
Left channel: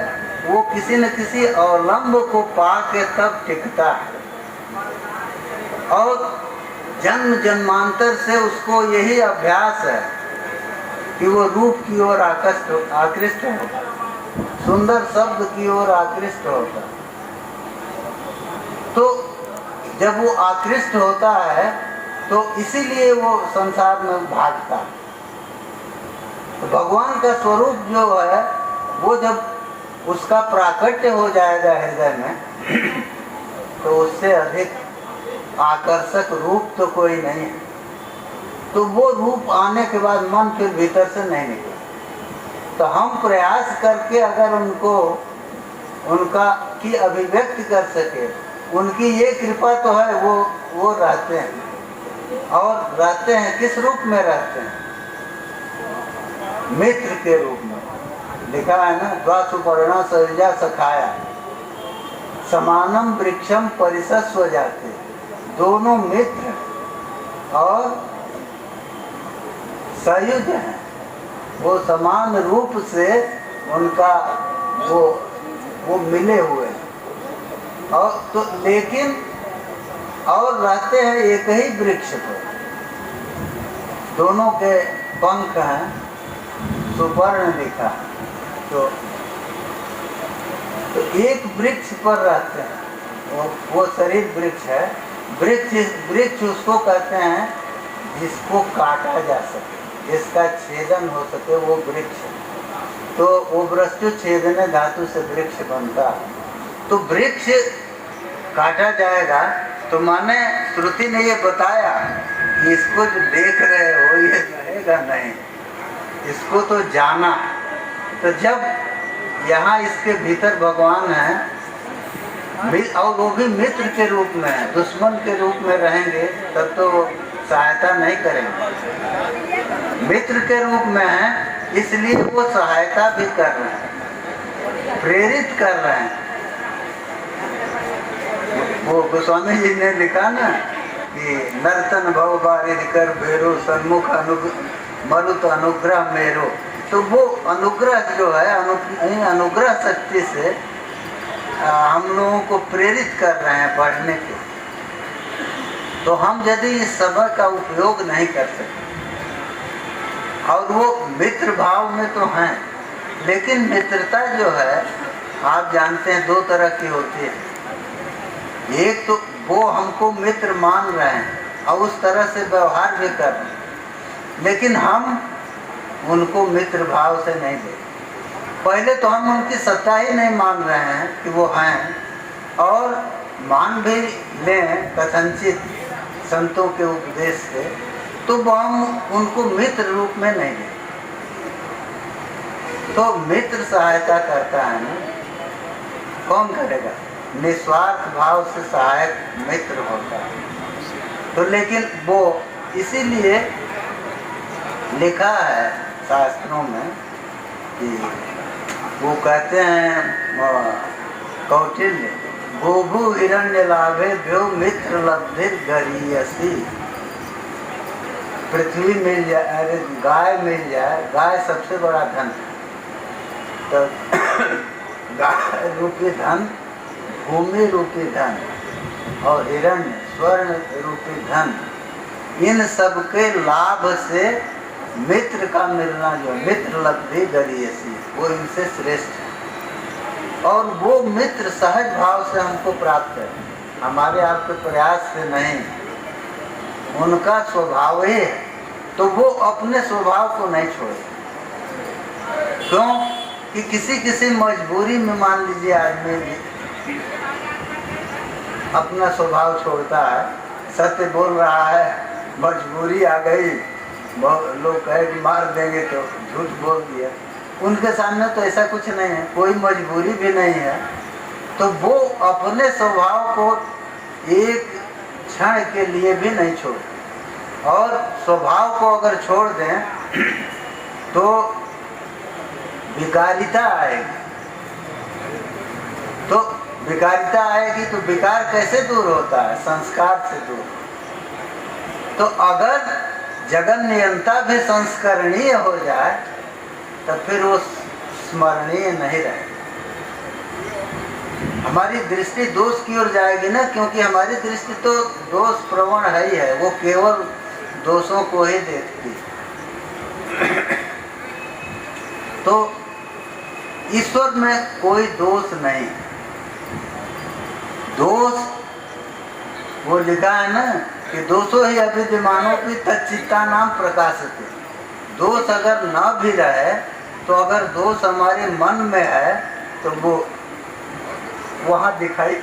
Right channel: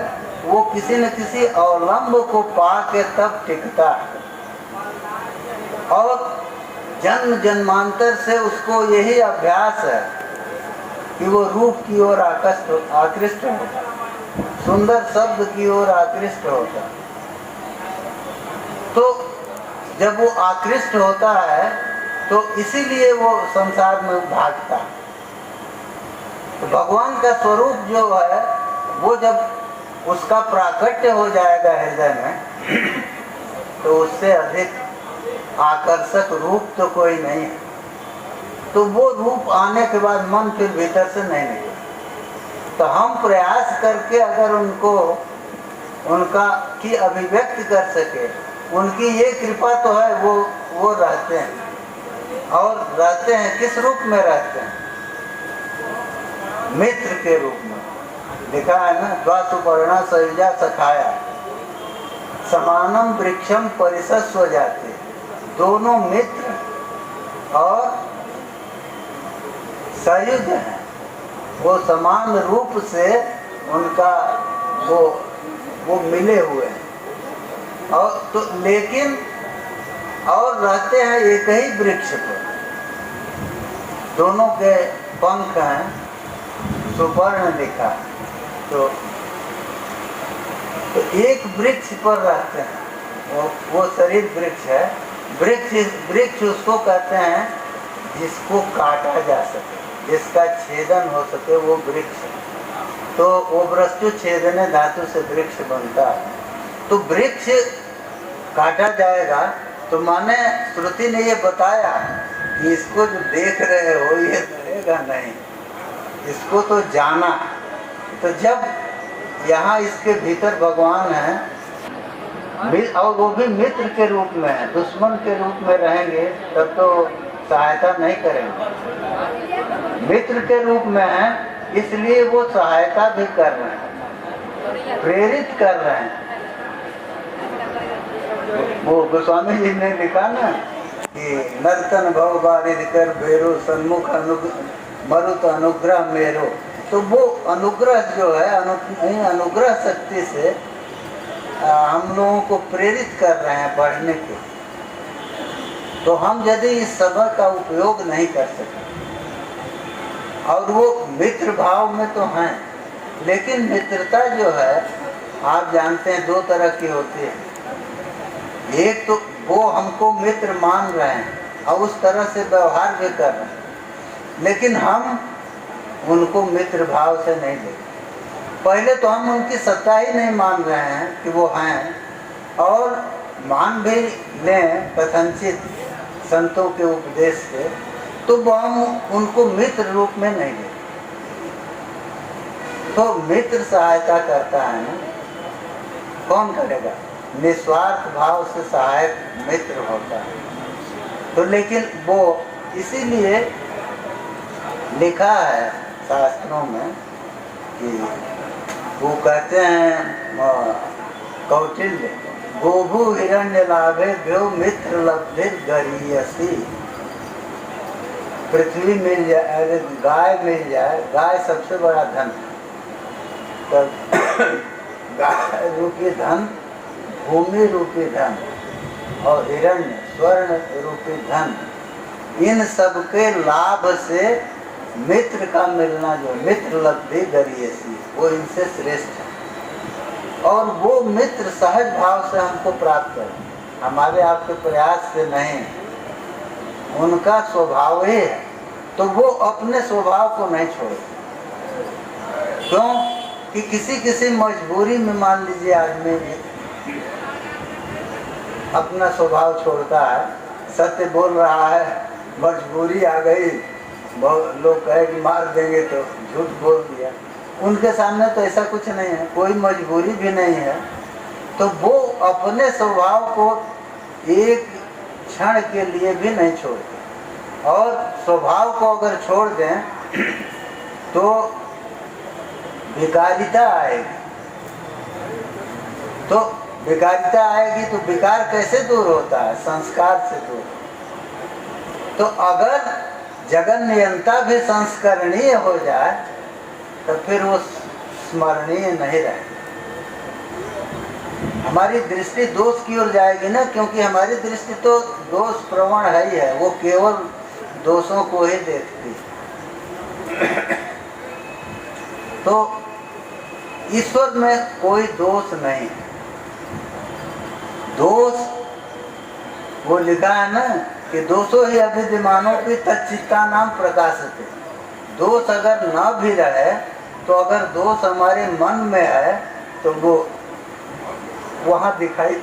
वो किसी न किसी अवलंब को पा के तब टिकता है और जन्म जन्मांतर से उसको यही अभ्यास है कि वो रूप की ओर आकृष्ट होता है, सुंदर शब्द की ओर आकृष्ट होता है। तो जब वो आकृष्ट होता है तो इसीलिए वो संसार में भागता है। तो भगवान का स्वरूप जो है वो जब उसका प्राकट्य हो जाएगा हृदय में तो उससे अधिक आकर्षक रूप तो कोई नहीं है। तो वो रूप आने के बाद मन फिर भीतर से नहीं निकले। तो हम प्रयास करके अगर उनको उनका की अभिव्यक्ति कर सके, उनकी ये कृपा तो है, वो रहते हैं और रहते हैं किस रूप में रहते हैं? मित्र के रूप में। लिखा है ना, द्वासुपर्णा सरिजा सखाया समानम वृक्षम परिसस्व जाते, दोनों मित्र और संयुज हैं, वो समान रूप से उनका वो मिले हुए हैं और तो लेकिन और रहते हैं एक ही वृक्ष पर, दोनों के पंख हैं, सुवर्ण लिखा। तो एक वृक्ष पर रहते हैं, वो शरीर वृक्ष है। वृक्ष उसको कहते हैं जिसको काटा जा सके, जिसका छेदन हो सके, वो वृक्ष है। तो वो वस्तु छेदने धातु से वृक्ष बनता है। तो वृक्ष काटा जाएगा तो माने श्रुति ने ये बताया कि इसको जो देख रहे हो ये रहेगा नहीं, इसको तो जाना। तो जब यहाँ इसके भीतर भगवान है और वो भी मित्र के रूप में है, दुश्मन के रूप में रहेंगे तब तो सहायता नहीं करेंगे। मित्र के रूप में है इसलिए वो सहायता भी कर रहे हैं, प्रेरित कर रहे हैं। वो गोस्वामी जी ने लिखा ना कि नर्तन भव बारिद कर भेरो सन्मुख मरुत अनुग्रह मेरो। तो वो अनुग्रह जो है अनुग्रह शक्ति से हम लोगों को प्रेरित कर रहे हैं पढ़ने के। तो हम यदि इस समय का उपयोग नहीं कर सकते और वो मित्र भाव में तो हैं, लेकिन मित्रता जो है आप जानते हैं दो तरह की होती है। एक तो वो हमको मित्र मान रहे हैं और उस तरह से व्यवहार भी कर रहे हैं, लेकिन हम उनको मित्र भाव से नहीं देखते। पहले तो हम उनकी सत्ता ही नहीं मान रहे हैं कि वो हैं, और मान भी लें कथनचित संतों के उपदेश से, तो वो हम उनको मित्र रूप में नहीं लेते। तो मित्र सहायता करता है ना, कौन करेगा? निस्वार्थ भाव से सहायक मित्र होता है। तो लेकिन वो इसीलिए लिखा है शास्त्रों में कि वो कहते हैं कौटिल्य, गोभु हिरण्य लाभे भ्यो मित्र लब्धि गरीयसी। पृथ्वी मिल जाए, अरे गाय मिल जाए, गाय सबसे बड़ा धन। तो गाय रूपी धन, भूमि रूपी धन और हिरण्य स्वर्ण रूपी धन, इन सब के लाभ से मित्र का मिलना, जो मित्र लब्धि गरीयसी, वो इनसे श्रेष्ठ है। और वो मित्र सहज भाव से हमको प्राप्त है, हमारे आपके प्रयास से नहीं, उनका स्वभाव ही है। तो वो अपने स्वभाव को नहीं छोड़े। क्यों कि किसी मजबूरी में मान लीजिए आदमी अपना स्वभाव छोड़ता है, सत्य बोल रहा है मजबूरी आ गई, बहुत लोग कहे कि मार देंगे तो झूठ बोल दिया। उनके सामने तो ऐसा कुछ नहीं है, कोई मजबूरी भी नहीं है। तो वो अपने स्वभाव को एक क्षण के लिए भी नहीं छोड़ते, और स्वभाव को अगर छोड़ दें तो विकारिता आएगी। तो विकारिता आएगी तो विकार कैसे दूर होता है? संस्कार से दूर। तो अगर जगन नियंता भी संस्करणीय हो जाए तो फिर वो स्मरणीय नहीं रहेगा। हमारी दृष्टि दोष की ओर जाएगी ना, क्योंकि हमारी दृष्टि तो दोष प्रवण है ही है, वो केवल दोषों को ही देखती। तो ईश्वर में कोई दोष नहीं। दोष वो लिखा है ना कि दोषो ही अभिद्यमानों की तच्चित्ता नाम प्रकाशते। दोष अगर न भी रहे तो अगर दोष हमारे मन में है तो वो वहाँ दिखाई,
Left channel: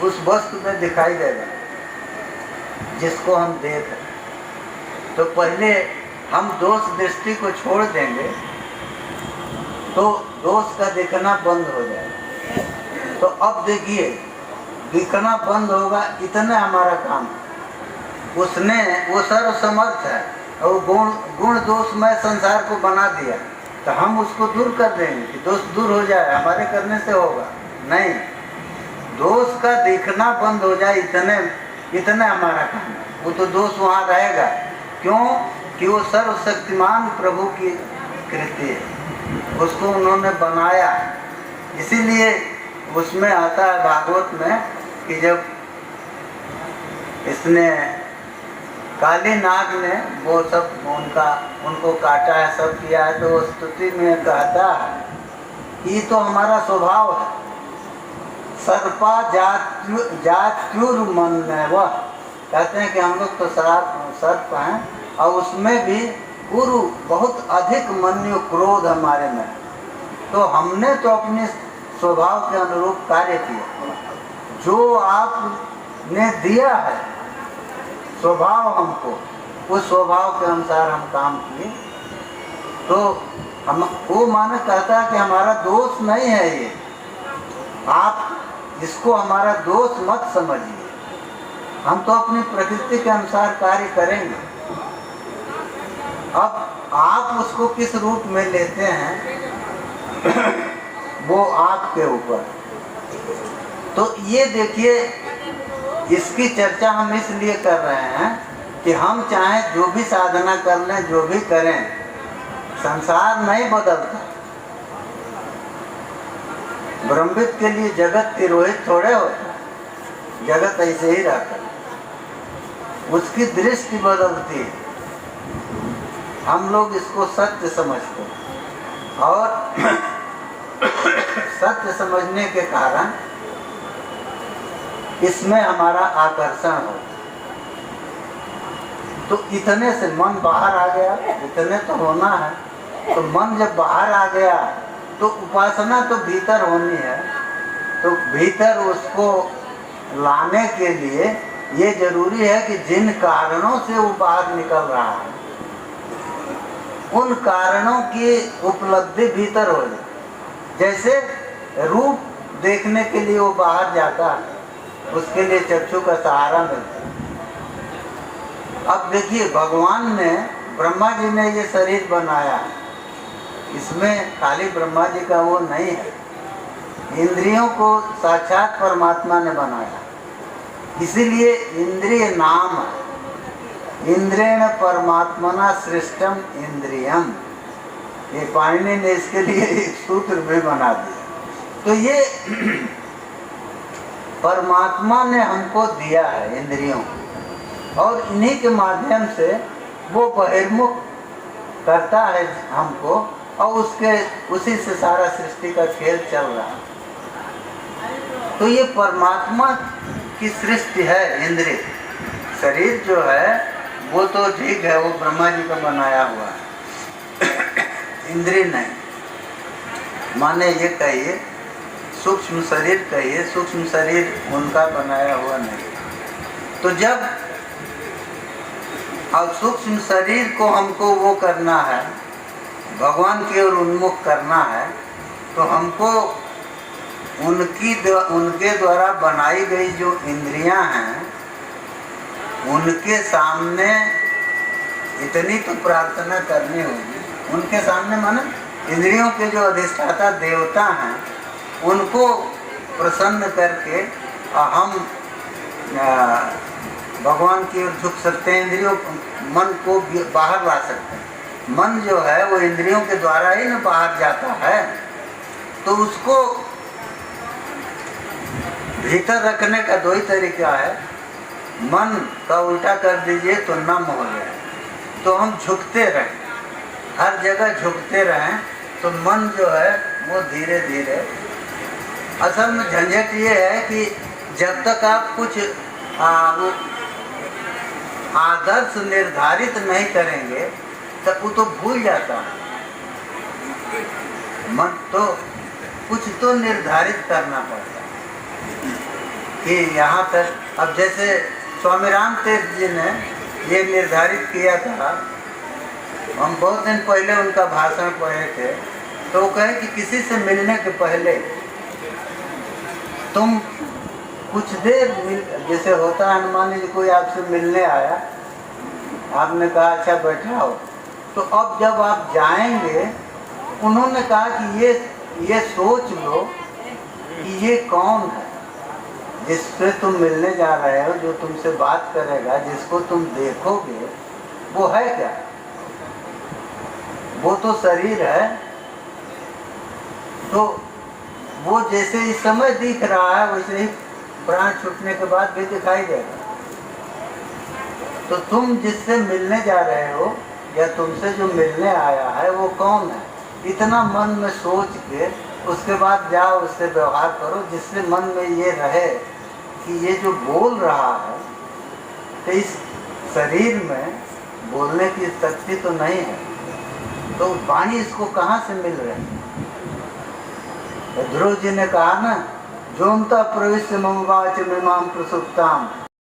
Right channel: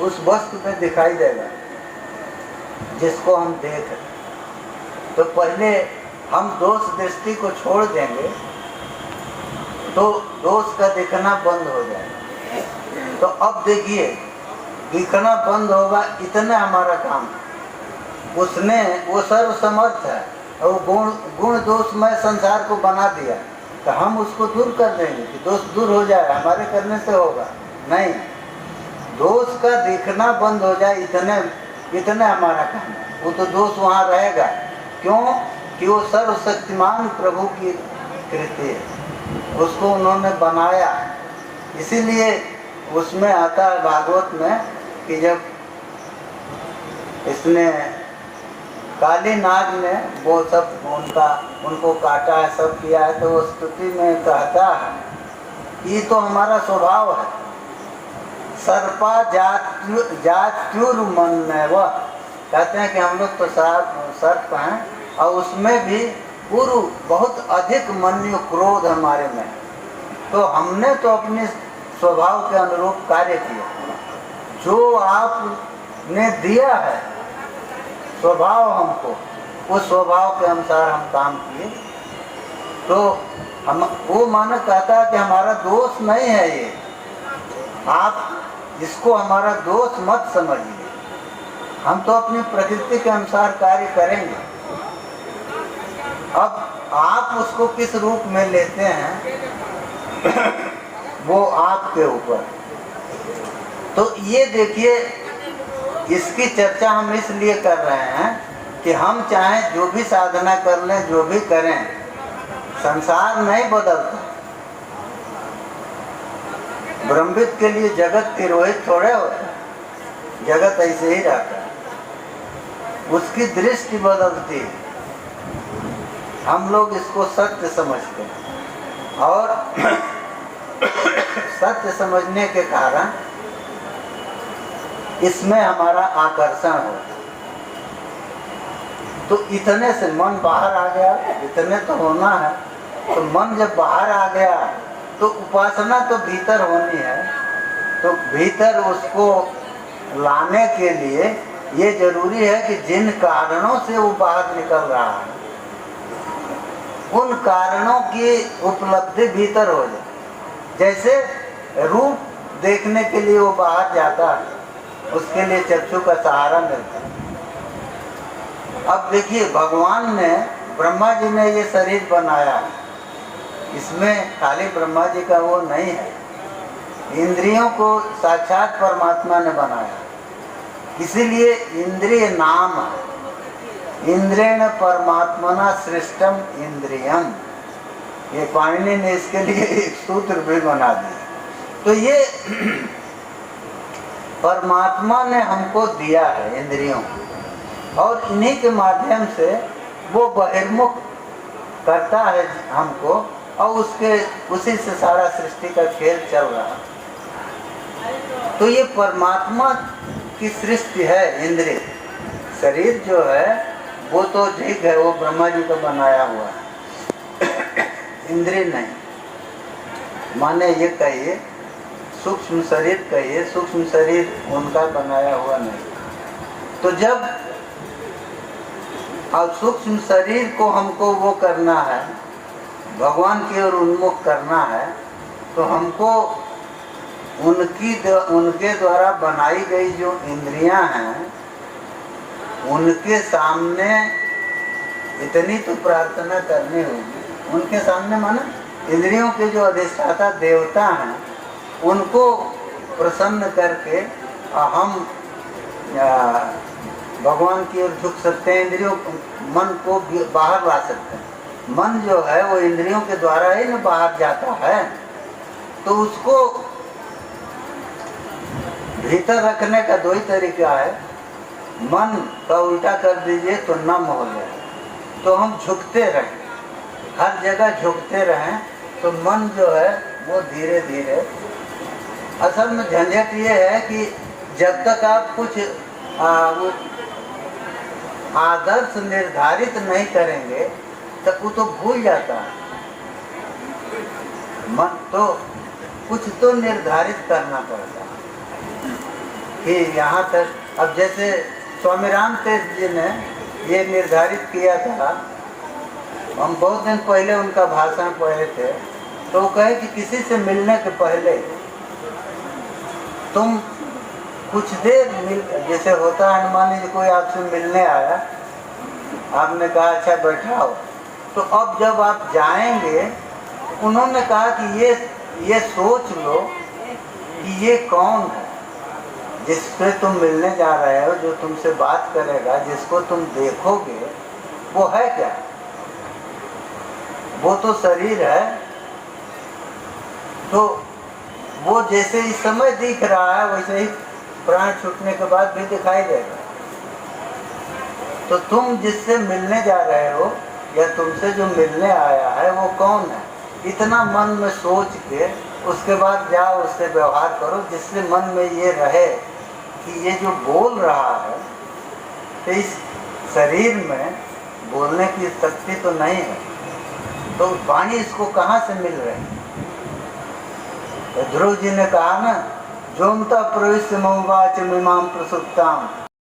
उस वस्तु पे दिखाई देगा जिसको हम देख रहे। तो पहले हम दोष दृष्टि को छोड़ देंगे तो दोष का दिखना बंद हो जाएगा। तो अब देखिए, दिखना बंद होगा, इतना हमारा काम। उसने, वो सर्वसमर्थ है और गुण दोषमय संसार को बना दिया, तो हम उसको दूर कर देंगे कि दोष दूर हो जाए, हमारे करने से होगा? नहीं, दोष का दिखना बंद हो जाए, इतने हमारा काम है। वो तो दोष वहाँ रहेगा, क्यों कि वो सर्वशक्तिमान प्रभु की कृति है, उसको उन्होंने बनाया। इसीलिए उसमें आता है भागवत में कि जब इसने काली नाग ने वो सब उनको काटा है, सब किया है, तो स्तुति में कहता है ये तो हमारा स्वभाव है। सर्पा जात्युर मन में, वह कहते हैं कि हम लोग तो सर्प हैं और उसमें भी गुरु बहुत अधिक मन्यु क्रोध हमारे में। तो हमने तो अपने स्वभाव के अनुरूप कार्य किया, जो आपने दिया है स्वभाव हमको, उस स्वभाव के अनुसार हम काम किए। तो हम वो मानो कहता है कि हमारा दोष नहीं है ये, आप इसको हमारा दोष मत समझिए, हम तो अपनी प्रकृति के अनुसार कार्य करेंगे। अब आप उसको किस रूप में लेते हैं वो आपके ऊपर। तो ये देखिए, इसकी चर्चा हम इसलिए कर रहे हैं कि हम चाहे जो भी साधना कर लें, जो भी करें, संसार नहीं बदलता। ब्रह्मविद के लिए जगत तिरोहित थोड़े होता, जगत ऐसे ही रहता, उसकी दृष्टि बदलती है। हम लोग इसको सत्य समझते हैं और सत्य समझने के कारण इसमें हमारा आकर्षण हो। तो इतने से मन बाहर आ गया, इतने तो होना है। तो मन जब बाहर आ गया तो उपासना तो भीतर होनी है। तो भीतर उसको लाने के लिए ये जरूरी है कि जिन कारणों से वो बाहर निकल रहा है, उन कारणों की उपलब्धि भीतर हो जाए। जैसे रूप देखने के लिए वो बाहर जाता है, उसके लिए चक्षु का सहारा मिलता है। अब देखिए, भगवान ने, ब्रह्मा जी ने ये शरीर बनाया, इसमें खाली ब्रह्मा जी का वो नहीं है, इंद्रियों को साक्षात परमात्मा ने बनाया। इसीलिए इंद्रिय नाम, इंद्रेण परमात्मना सृष्टम इंद्रियम, ये पाणिनि ने इसके लिए एक सूत्र भी बना दिया। तो ये परमात्मा ने हमको दिया है इंद्रियों, और इन्हीं के माध्यम से वो बहिर्मुख करता है हमको, और उसी से सारा सृष्टि का खेल चल रहा है। तो ये परमात्मा की सृष्टि है। इंद्रिय शरीर जो है वो तो ठीक है, वो ब्रह्मा जी का बनाया हुआ है, इंद्रिय नहीं। माने ये कहिए सूक्ष्म शरीर कहिए, सूक्ष्म शरीर उनका बनाया हुआ नहीं। तो जब और सूक्ष्म शरीर को हमको वो करना है, भगवान की ओर उन्मुख करना है, तो हमको उनके द्वारा बनाई गई जो इंद्रियां हैं उनके सामने इतनी तो प्रार्थना करनी होगी। उनके सामने माना इंद्रियों के जो अधिष्ठाता देवता हैं उनको प्रसन्न करके हम भगवान की ओर झुक सकते हैं, इंद्रियों मन को बाहर ला सकते हैं। मन जो है वो इंद्रियों के द्वारा ही ना बाहर जाता है, तो उसको भीतर रखने का दो ही तरीका है। मन का उल्टा कर दीजिए तो नम हो जाए, तो हम झुकते रहें, हर जगह झुकते रहें, तो मन जो है वो धीरे धीरे, असल में झंझट ये है कि जब तक आप कुछ आदर्श निर्धारित नहीं करेंगे तब वो तो भूल जाता है। मन तो कुछ तो निर्धारित करना पड़ता है कि यहाँ तक। अब जैसे स्वामी राम तीर्थ जी ने ये निर्धारित किया था, हम बहुत दिन पहले उनका भाषण पढ़े थे, तो वो कहे कि किसी से मिलने के पहले तुम कुछ देर जैसे होता है, मान लीजिए कोई आपसे मिलने आया, आपने कहा अच्छा बैठा हो, तो अब जब आप जाएंगे, उन्होंने कहा कि ये सोच लो कि ये कौन है जिससे तुम मिलने जा रहे हो, जो तुमसे बात करेगा, जिसको तुम देखोगे, वो है क्या? वो तो शरीर है। तो वो जैसे इस समय दिख रहा है वैसे ही प्राण छूटने के बाद भी दिखाई देगा। तो तुम जिससे मिलने जा रहे हो या तुमसे जो मिलने आया है वो कौन है, इतना मन में सोच के उसके बाद जाओ, उससे व्यवहार करो, जिससे मन में ये रहे कि ये जो बोल रहा है, तो इस शरीर में बोलने की शक्ति तो नहीं है, तो वाणी इसको कहाँ से मिल रही है? ध्रुव जी ने कहा ना, जोमता प्रविष्ट ममवाच मिमाम प्रसुप्ताम